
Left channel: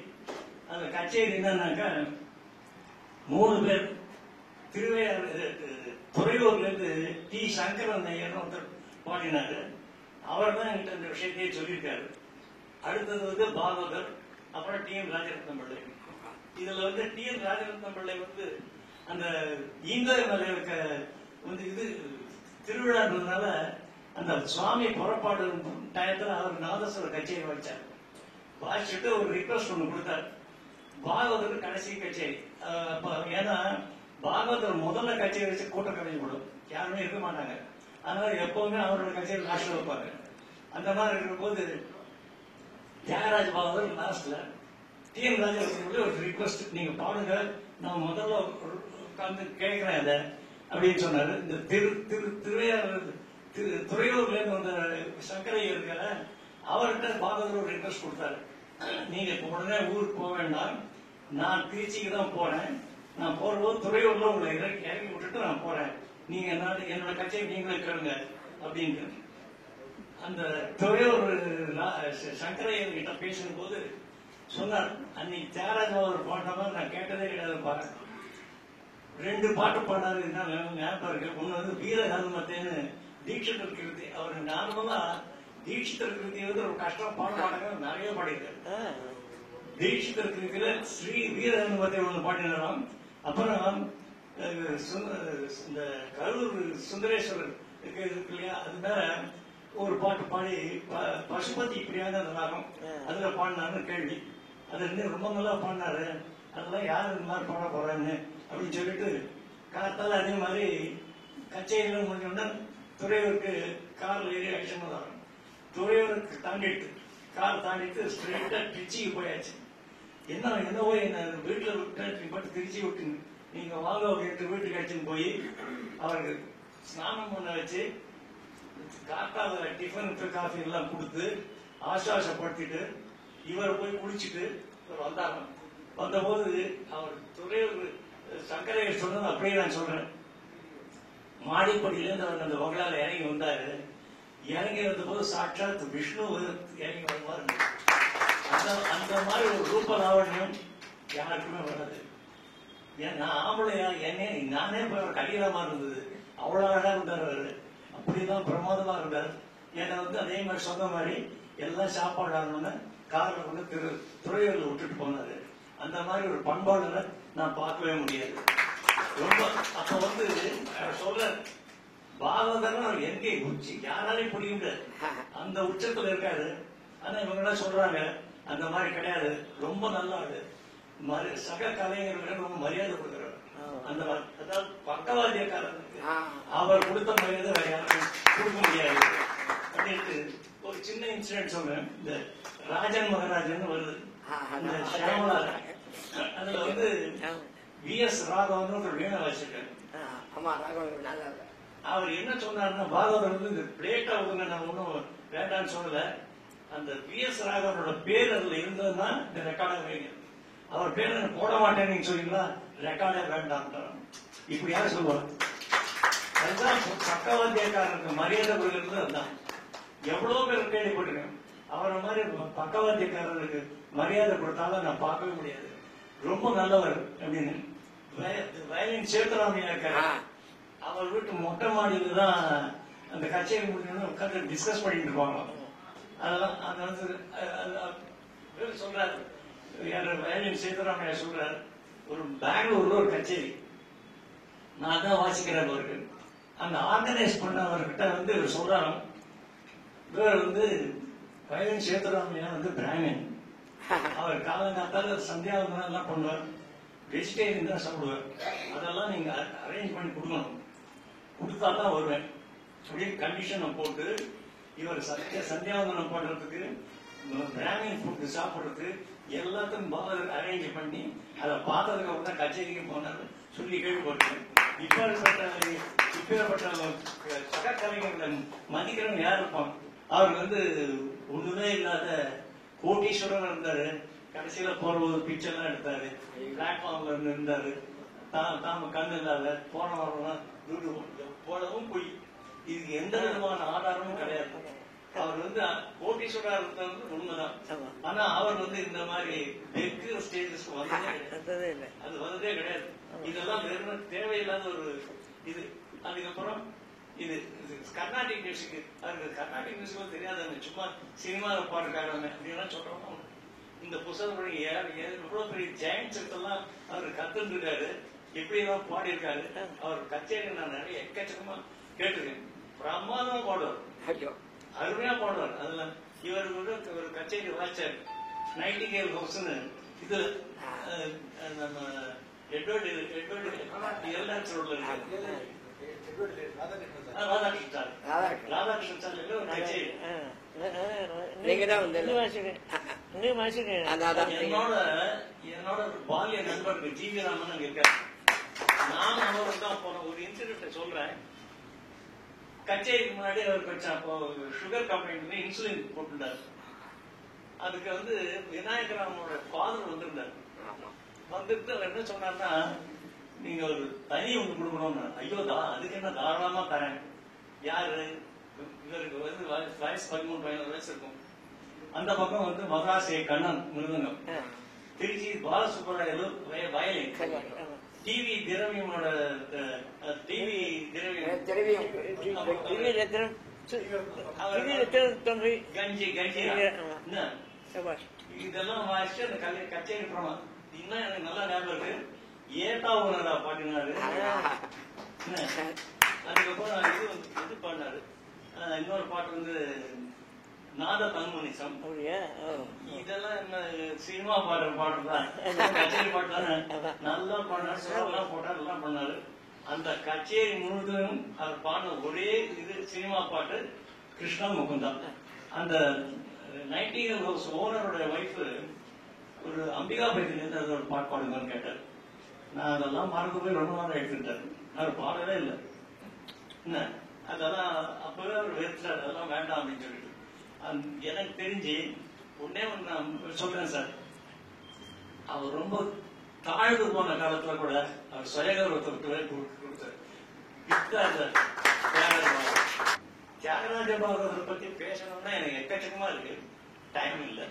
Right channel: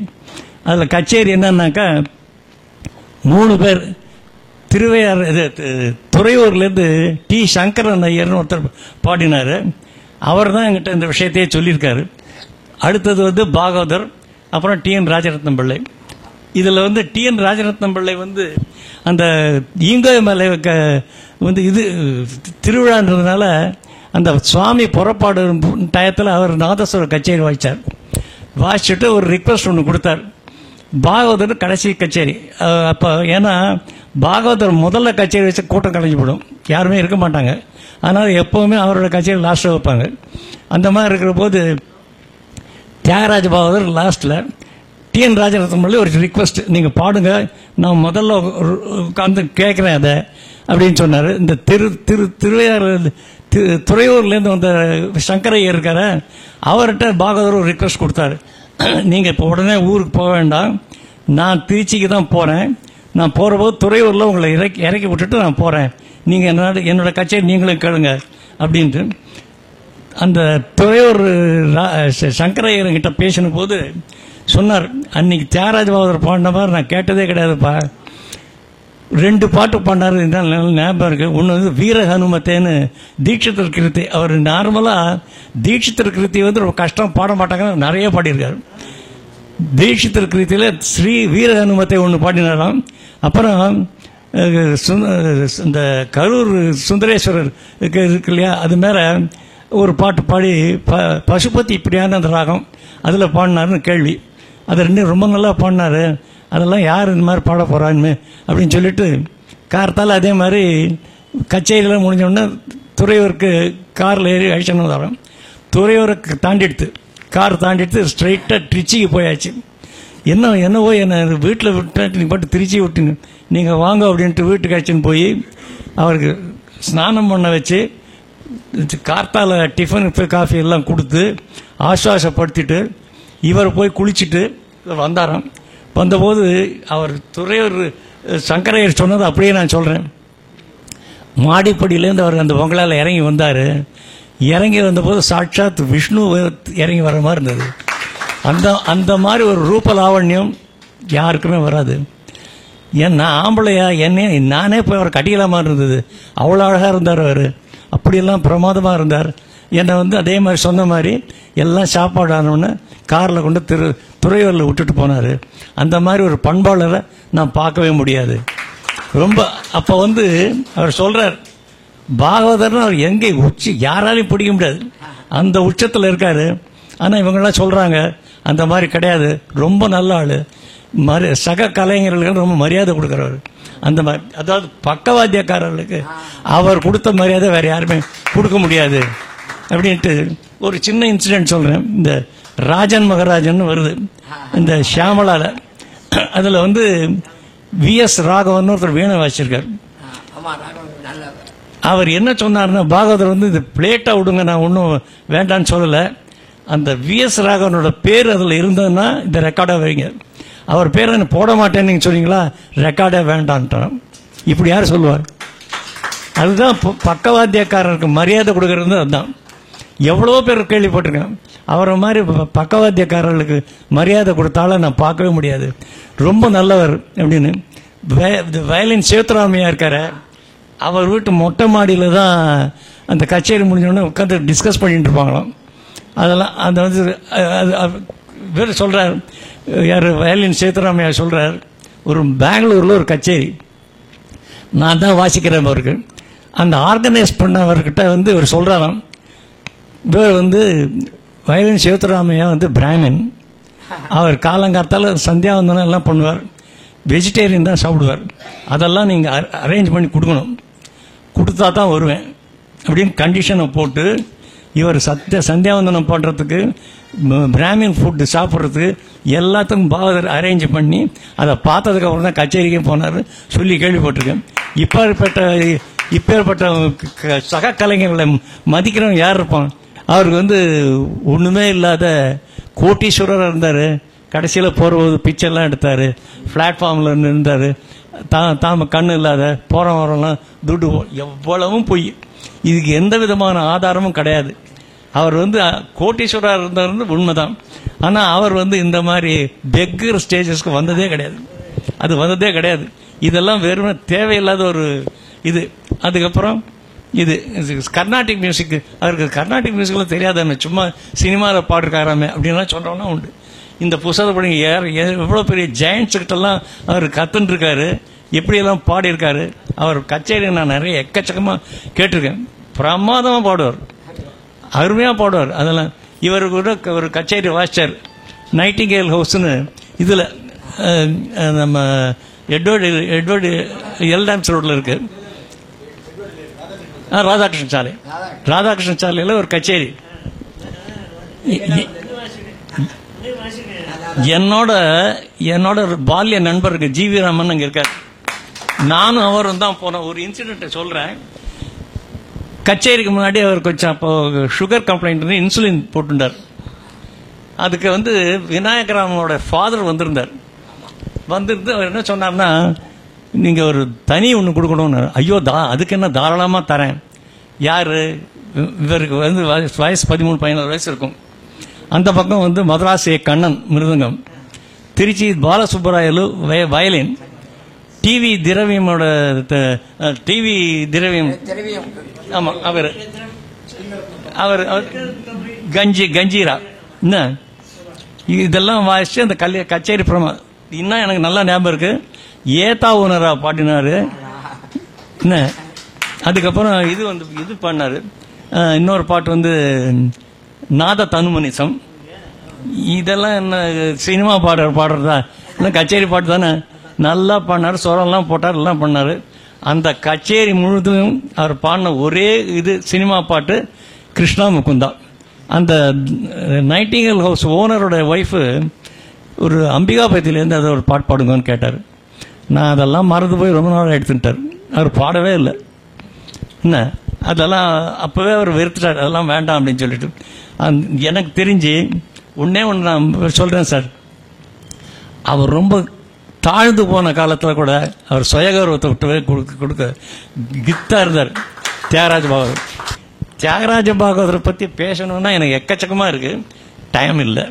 அதில் கச்சேரி என்னன்னாக்கா 3 பேர் திருவையார் துறையூர்லேருந்து டி சங்கரன் ஐயர்னு ஒருத்தர் பாடினார். அவர் தான் என்கிட்ட இந்த விஷயத்தையே சொல்லியிருக்காரு. அடுத்தது வந்து பாகவதர், அப்புறம் டிஎன் ராஜரத்னம் பிள்ளை. இதில் வந்து டிஎன் ராஜரத்னம் பிள்ளை வந்து அந்த ஈங்கோய் மலை வந்து இது திருவிழான்றதுனால அந்த சுவாமி புறப்பாடு டயத்தில் அவர் நாதஸ்வர கச்சேரி வாசிச்சுட்டு ஒரு ரிக்வெஸ்ட் ஒன்று கொடுத்தார். பாகவதர் கடைசி கச்சேரி அப்போ, ஏன்னா பாகவதர் முதல்ல கச்சேரி வச்சு கூட்டம் கலைஞ்சு போடும், யாருமே இருக்க மாட்டாங்க. அதனால் எப்போவுமே அவரோட கச்சேரி லாஸ்ட்டில் வைப்பாங்க. அந்த மாதிரி இருக்கிற போது தியாகராஜ பாகவதர் லாஸ்ட்டில் டிஎன் ராஜரத்னம் ஒரு ரிக்வெஸ்ட், நீங்கள் பாடுங்க, நான் முதல்ல உட்காந்து கேட்குறேன் அதை அப்படின்னு சொன்னார். இந்த திருவையாறு துறையூர்லேருந்து வந்த சங்கரையர் இருக்கார, அவர்கிட்ட பாகவதர் ஒரு ரிக்வெஸ்ட் கொடுத்தாரு. நீங்கள் இப்போ உடனே ஊருக்கு போக வேண்டாம், நான் திருச்சிக்கு தான் போகிறேன், நான் போகிற போது துறையூரில் உங்களை இறக்கி விட்டுட்டு நான் போகிறேன், நீங்கள் என்னோட கச்சேரி நீங்களும் கேளுங்க அப்படின்ட்டு. அந்த துறையூர் சங்கரையர்கிட்ட பேசின போது சொன்னார், அன்னைக்கு தியாகராஜ பாகவதர் பாடின மாதிரி நான் கேட்டதே கிடையாதுப்பா. 2 பாட்டு பாடினார், ஞாபகம் இருக்கு. ஒன்று வந்து வீர ஹனுமத்தேன்னு தீட்சிதர் கிருத்தி. அவர் நார்மலாக தீட்சிதர் கிருத்தி வந்து ரொம்ப கஷ்டம் பாட மாட்டாங்கன்னு நிறைய பாடியிருக்காரு. தீட்சிதர் கிருத்தியில் ஸ்ரீ வீர ஹனுமத்தை ஒன்று பாடினாராம். அப்புறம் இந்த கரூர் சுந்தரேஸ்வரர் இருக்கு இல்லையா, அது மேலே ஒரு பாட்டு பாடி பசுபதி இப்படியான அந்த ராகம் அதில் பாடினாருன்னு கேள்வி. அது 2 ரொம்ப நல்லா பாடினார். அதெல்லாம் யார் இந்த மாதிரி பாட போகிறான்னு அப்படின்னு சொல்லிட்டு கார்த்தால் அதே மாதிரி கச்சேரியெல்லாம் முடிஞ்சோடனே துறையூருக்கு காரில் ஏறி அழிச்சணும் வரோம். துறையூருக்கு தாண்டிடுத்து, கார் தாண்டிடுத்து ஸ்ட்ரைட்டாக திருச்சிக்கு போயாச்சு. என்னவோ என்னை வீட்டில் விட்டு நீங்கள் பாட்டு திருச்சி விட்டுங்க, நீங்கள் வாங்க அப்படின்ட்டு வீட்டுக்கு அழைச்சின்னு போய் அவருக்கு ஸ்நானம் பண்ண வச்சு கார்த்தால டிஃபன் காஃபி எல்லாம் கொடுத்து ஆசுவாசப்படுத்திட்டு இவர் போய் குளிச்சுட்டு வந்தாராம். வந்தபோது அவர் துறையூர் சங்கரையர் சொன்னது அப்படியே நான் சொல்கிறேன். மாடிப்படியிலேருந்து அவர் அந்த பொங்கலால் இறங்கி வந்தார். இறங்கி வந்தபோது சாட்சாத் விஷ்ணு இறங்கி வர மாதிரி இருந்தது. அந்த மாதிரி ஒரு ரூப லாவண்யம் யாருக்குமே வராது. நான் ஆம்பளையா நானே போய் அவர் கட்டிக்கலாமா இருந்தது. அவ்வளோ அழகாக இருந்தார் அவர். அப்படியெல்லாம் பிரமாதமாக இருந்தார். என்னை வந்து அதே மாதிரி சொன்ன மாதிரி எல்லாம் சாப்பாடு ஆனோடனே காரில் கொண்டு துறையூரில் விட்டுட்டு போனார். அந்த மாதிரி ஒரு பண்பாளரை நான் பார்க்கவே முடியாது. ரொம்ப அப்போ வந்து அவர் சொல்கிறார், பாகவதர்னு அவர் எங்கே யாராலையும் பிடிக்க முடியாது, அந்த உச்சத்தில் இருக்கார். ஆனால் இவங்கெல்லாம் சொல்கிறாங்க அந்த மாதிரி கிடையாது, ரொம்ப நல்ல ஆள், சக கலைஞர்களுக்கு ரொம்ப மரியாதை கொடுக்குறவர். அந்த மாதிரி, அதாவது பக்கவாத்தியக்காரர்களுக்கு அவர் கொடுத்த மரியாதை வேறு யாருமே கொடுக்க முடியாது அப்படின்ட்டு ஒரு சின்ன இன்சிடென்ட் சொல்கிறேன். இந்த ராஜன் மகராஜன் வருது இந்த ஷியாமலாவில். அதில் வந்து விஎஸ் ராகவன் ஒருத்தர் வீணை வாசிச்சிருக்கார். அவர் என்ன சொன்னார்னா, பாகவதர் வந்து இந்த பிளேட்டாக விடுங்க, நான் ஒன்றும் வேண்டான்னு சொல்லலை, அந்த விஎஸ் ராகவனோட பேர் அதில் இருந்ததுன்னா இந்த ரெக்கார்டாக வைங்க, அவர் பேரை என்ன போட மாட்டேன்னு நீங்கள் சொன்னீங்களா, ரெக்கார்டே வேண்டான்ட்டான். இப்படி யார் சொல்லுவார்? அதுதான் பக்கவாத்தியக்காரருக்கு மரியாதை கொடுக்கறது. அதுதான் எவ்வளோ பேர் கேள்விப்பட்டிருக்கேன். அவரை மாதிரி பக்கவாத்தியக்காரர்களுக்கு மரியாதை கொடுத்தாலும் நான் பார்க்கவே முடியாது. ரொம்ப நல்லவர் அப்படின்னு. வயலின் சேத்துராமையா இருக்கார, அவர் வீட்டு மொட்டை மாடியில் தான் அந்த கச்சேரி முடிஞ்சோடனே உட்காந்து டிஸ்கஸ் பண்ணிட்டு இருப்பாங்களாம். அதெல்லாம் அந்த வந்து வேறு சொல்கிறார், யார் வயலின் சேத்துராமையா சொல்கிறார், ஒரு பெங்களூரில் ஒரு கச்சேரி நான் தான் வாசிக்கிறேன் அவருக்கு. அந்த ஆர்கனைஸ் பண்ணவர்கிட்ட வந்து இவர் சொல்கிறாராம், இவர் வந்து வயலின் சேத்துராமையா வந்து பிராமின், அவர் காலங்காத்தால் சந்தியாவந்தனம் எல்லாம் பண்ணுவார், வெஜிடேரியன் தான் சாப்பிடுவார், அதெல்லாம் நீங்கள் அரேஞ்ச் பண்ணி கொடுக்கணும், கொடுத்தா தான் வருவேன் அப்படின்னு கண்டிஷனை போட்டு இவர் சந்தியாவந்தனம் பண்ணுறதுக்கு பிராமின் ஃபுட்டு சாப்பிட்றதுக்கு எல்லாத்துக்கும் பாகவதர் அரேஞ்ச் பண்ணி அதை பார்த்ததுக்கப்புறம் தான் கச்சேரிக்கே போனார் சொல்லி கேள்விப்பட்டிருக்கேன். இப்பேற்பட்ட சக கலைஞர்களை மதிக்கிறவங்க யார் இருப்பான்? அவருக்கு வந்து ஒன்றுமே இல்லாத கோட்டீஸ்வரராக இருந்தார். கடைசியில் போகிறபோது பிக்சர்லாம் எடுத்தார், பிளாட்ஃபார்மில் இருந்தார். தாம கண்ணு இல்லாத போகிற வரலாம் துட்டு எவ்வளவும் பொய். இதுக்கு எந்த விதமான ஆதாரமும் கிடையாது. அவர் வந்து கோட்டீஸ்வரர் இருந்தவர் உண்மைதான். ஆனால் அவர் வந்து இந்த மாதிரி பெக்கர் ஸ்டேஜஸ்க்கு வந்ததே கிடையாது. அது வந்ததே கிடையாது. இதெல்லாம் வெறும் தேவையில்லாத ஒரு இது. அதுக்கப்புறம் இது கர்நாடிக் மியூசிக், அவருக்கு கர்நாடிக் மியூசிக்லாம் தெரியாதானே, சும்மா சினிமாவில் பாடுறாராமே அப்படின்லாம் சொல்கிறவனா உண்டு. இந்த புத்தகத்தை படி எவ்வளோ பெரிய ஜெயண்ட்ஸுக்கிட்டெல்லாம் அவர் கற்றுன்ட்ருக்காரு, எப்படியெல்லாம் பாடியிருக்காரு. அவர் கச்சேரி நான் நிறைய எக்கச்சக்கமாக கேட்டிருக்கேன். பிரமாதமாக பாடுவார், அருமையாக பாடுவார். அதெல்லாம் இவர் கூட ஒரு கச்சேரி வாசிச்சார், நைட்டிங்கேல் ஹவுஸ்னு. இதில் நம்ம எட்வர்டு எல்டாம்ஸ் ரோட்டில் இருக்கு, ராதாகிருஷ்ணன் சாலையில் ஒரு கச்சேரி. என்னோட பால்ய நண்பருக்கு ஜிவி ராமன் அங்கே இருக்கார். நானும் அவரும் தான் போனோம். ஒரு இன்சிடென்ட்டை சொல்கிறேன். கச்சேரிக்கு முன்னாடி அவர் கொஞ்சம் அப்போ சுகர் கம்ப்ளைண்ட் இன்சுலின் போட்டுட்டார். அதுக்கு வந்து விநாயகராமனோட ஃபாதர் வந்திருந்தார். வந்துருந்து அவர் என்ன சொன்னார்னா, நீங்கள் ஒரு தனி ஒன்று கொடுக்கணும்னு. ஐயோ அதுக்கு என்ன, தாராளமாக தரேன். யார் இவருக்கு வந்து வயசு 13-14 வயசு இருக்கும். அந்த பக்கம் வந்து மதராசி கண்ணன் மிருதங்கம், திருச்சி பாலசுப்பராயலு வயலின், டிவி திரவியம் ஆமாம் அவர் கஞ்சீரா என்ன இதெல்லாம் வாசிச்சு அந்த கச்சேரி பிரமா. இன்னும் எனக்கு நல்லா ஞாபகம் இருக்கு, ஏதா ஓனரா பாடினாரு என்ன. அதுக்கப்புறம் இது பண்ணாரு. இன்னொரு பாட்டு வந்து நாத தனுமனிசம். இதெல்லாம் என்ன சினிமா பாடுறதா, என்ன கச்சேரி பாட்டு தானே. நல்லா பாடினார், சொரம்லாம் போட்டார், எல்லாம் பண்ணார். அந்த கச்சேரி முழுதும் அவர் பாடின ஒரே இது சினிமா பாட்டு கிருஷ்ணா முகுந்தா. அந்த நைட்டிங்கேல் ஹவுஸ் ஓனரோட ஒய்ஃபு ஒரு அம்பிகாபதியிலேருந்து அதை ஒரு பாட்டு பாடுங்கன்னு கேட்டார். நான் அதெல்லாம் மறந்து போய் ரொம்ப நாள் எடுத்துட்டார். அவர் பாடவே இல்லை என்ன. அதெல்லாம் அப்போவே அவர் வெறுத்துட்டார், அதெல்லாம் வேண்டாம் அப்படின்னு சொல்லிட்டு. எனக்கு தெரிஞ்சு ஒன்று நான் சொல்கிறேன் சார், அவர் ரொம்ப தாழ்ந்து போன காலத்தில் கூட அவர் சுயகௌரவத்தை விட்டுவே கொடுக்க கித்தாக இருந்தார் தியாகராஜ பாகவதரை பற்றி பேசணுன்னா எனக்கு எக்கச்சக்கமாக இருக்குது, டைம் இல்லை.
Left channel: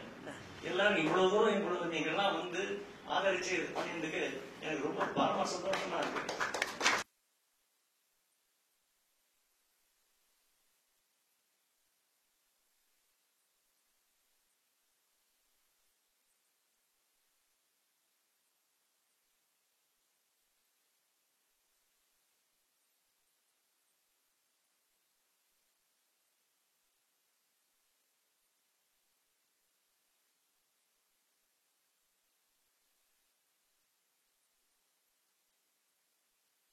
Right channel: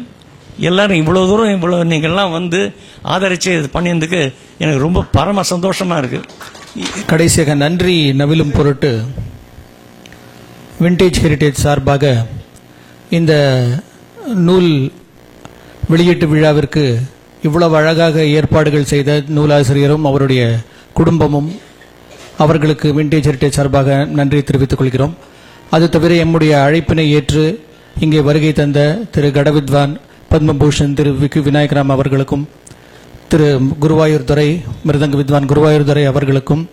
எல்லாரும் இவ்வளோ தூரம் இவ்வளோ நீங்கள்லாம் வந்து ஆதரித்து இது பண்ணியதுக்கு எனக்கு ரொம்ப பரம சந்தோஷமாக இருக்குது. கடைசியாக நன்றி நவிலும் பொருட்டு விண்டேஜ் ஹெரிடேஜ் சார்பாக இந்த நூல் வெளியீட்டு விழாவிற்கு இவ்வளவு அழகாக ஏற்பாடுகள் செய்த நூலாசிரியரும் அவருடைய குடும்பமும் அவர்களுக்கு விண்டேஜ் ஹெரிடேஜ் சார்பாக நன்றி தெரிவித்துக் கொள்கிறோம். அது தவிர எம்முடைய அழைப்பினை ஏற்று இங்கே வருகை தந்த திரு கடவித்வான் பத்மபூஷன் திரு விநாயகராம் அவர்களுக்கும், திரு குருவாயூர் துரை மிருதங்க வித்வான் குருவாயூர் துரை அவர்களுக்கும்,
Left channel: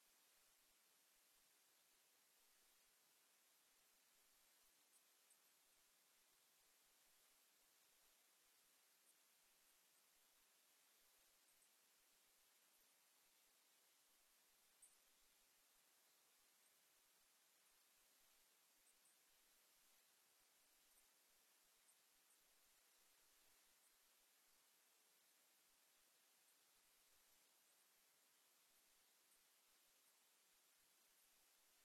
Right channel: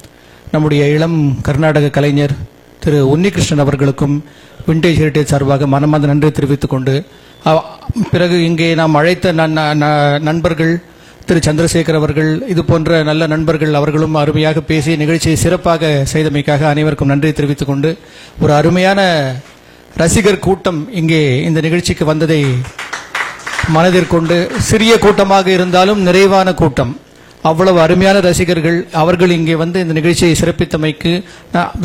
நம்முடைய இளம் கர்நாடக கலைஞர் திரு உன்னிகிருஷ்ணன் அவர்களுக்கும் விண்டேஜ் ஹெரிடேஜ் சார்பாக மனமார்ந்த நன்றி தெரிவித்துக் கொண்டு, பிறகு இங்கே நாம் அழைத்த நண்பர்கள் திரு சந்திரசேகர் அவர்கள், இது போன்ற நல்ல நண்பர்கள், அவர்களும் அருமையாக பேசி நிகழ்ச்சியை சிறப்பாக செய்தமைக்காக அனைவருக்கும் நன்றி தெரிவித்துக் கொண்டு, ஒரு அருமையான ரசிகர் கூட்டம் இங்கே இந்த நிகழ்ச்சிக்கு வந்ததை மனதிற்கொண்டு, சிறிய கூட்டமாக இருந்தாலும் நிறைவான கூட்டம், அவ்வளவு அருமையான ரசிகர்கள், அவர்கள் இங்கே வந்து இந்த நிகழ்ச்சியை சிறப்பித்தமைக்கு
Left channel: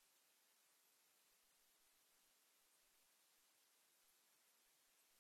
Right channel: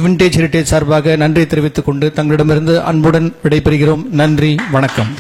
விண்டேஜ் ஹெரிடேஜ் சார்பாக நன்றி தெரிவித்துக் கொண்டு தங்களிடமிருந்து அன்புடன் விடைபெறுகிறோம். நன்றி, வணக்கம்.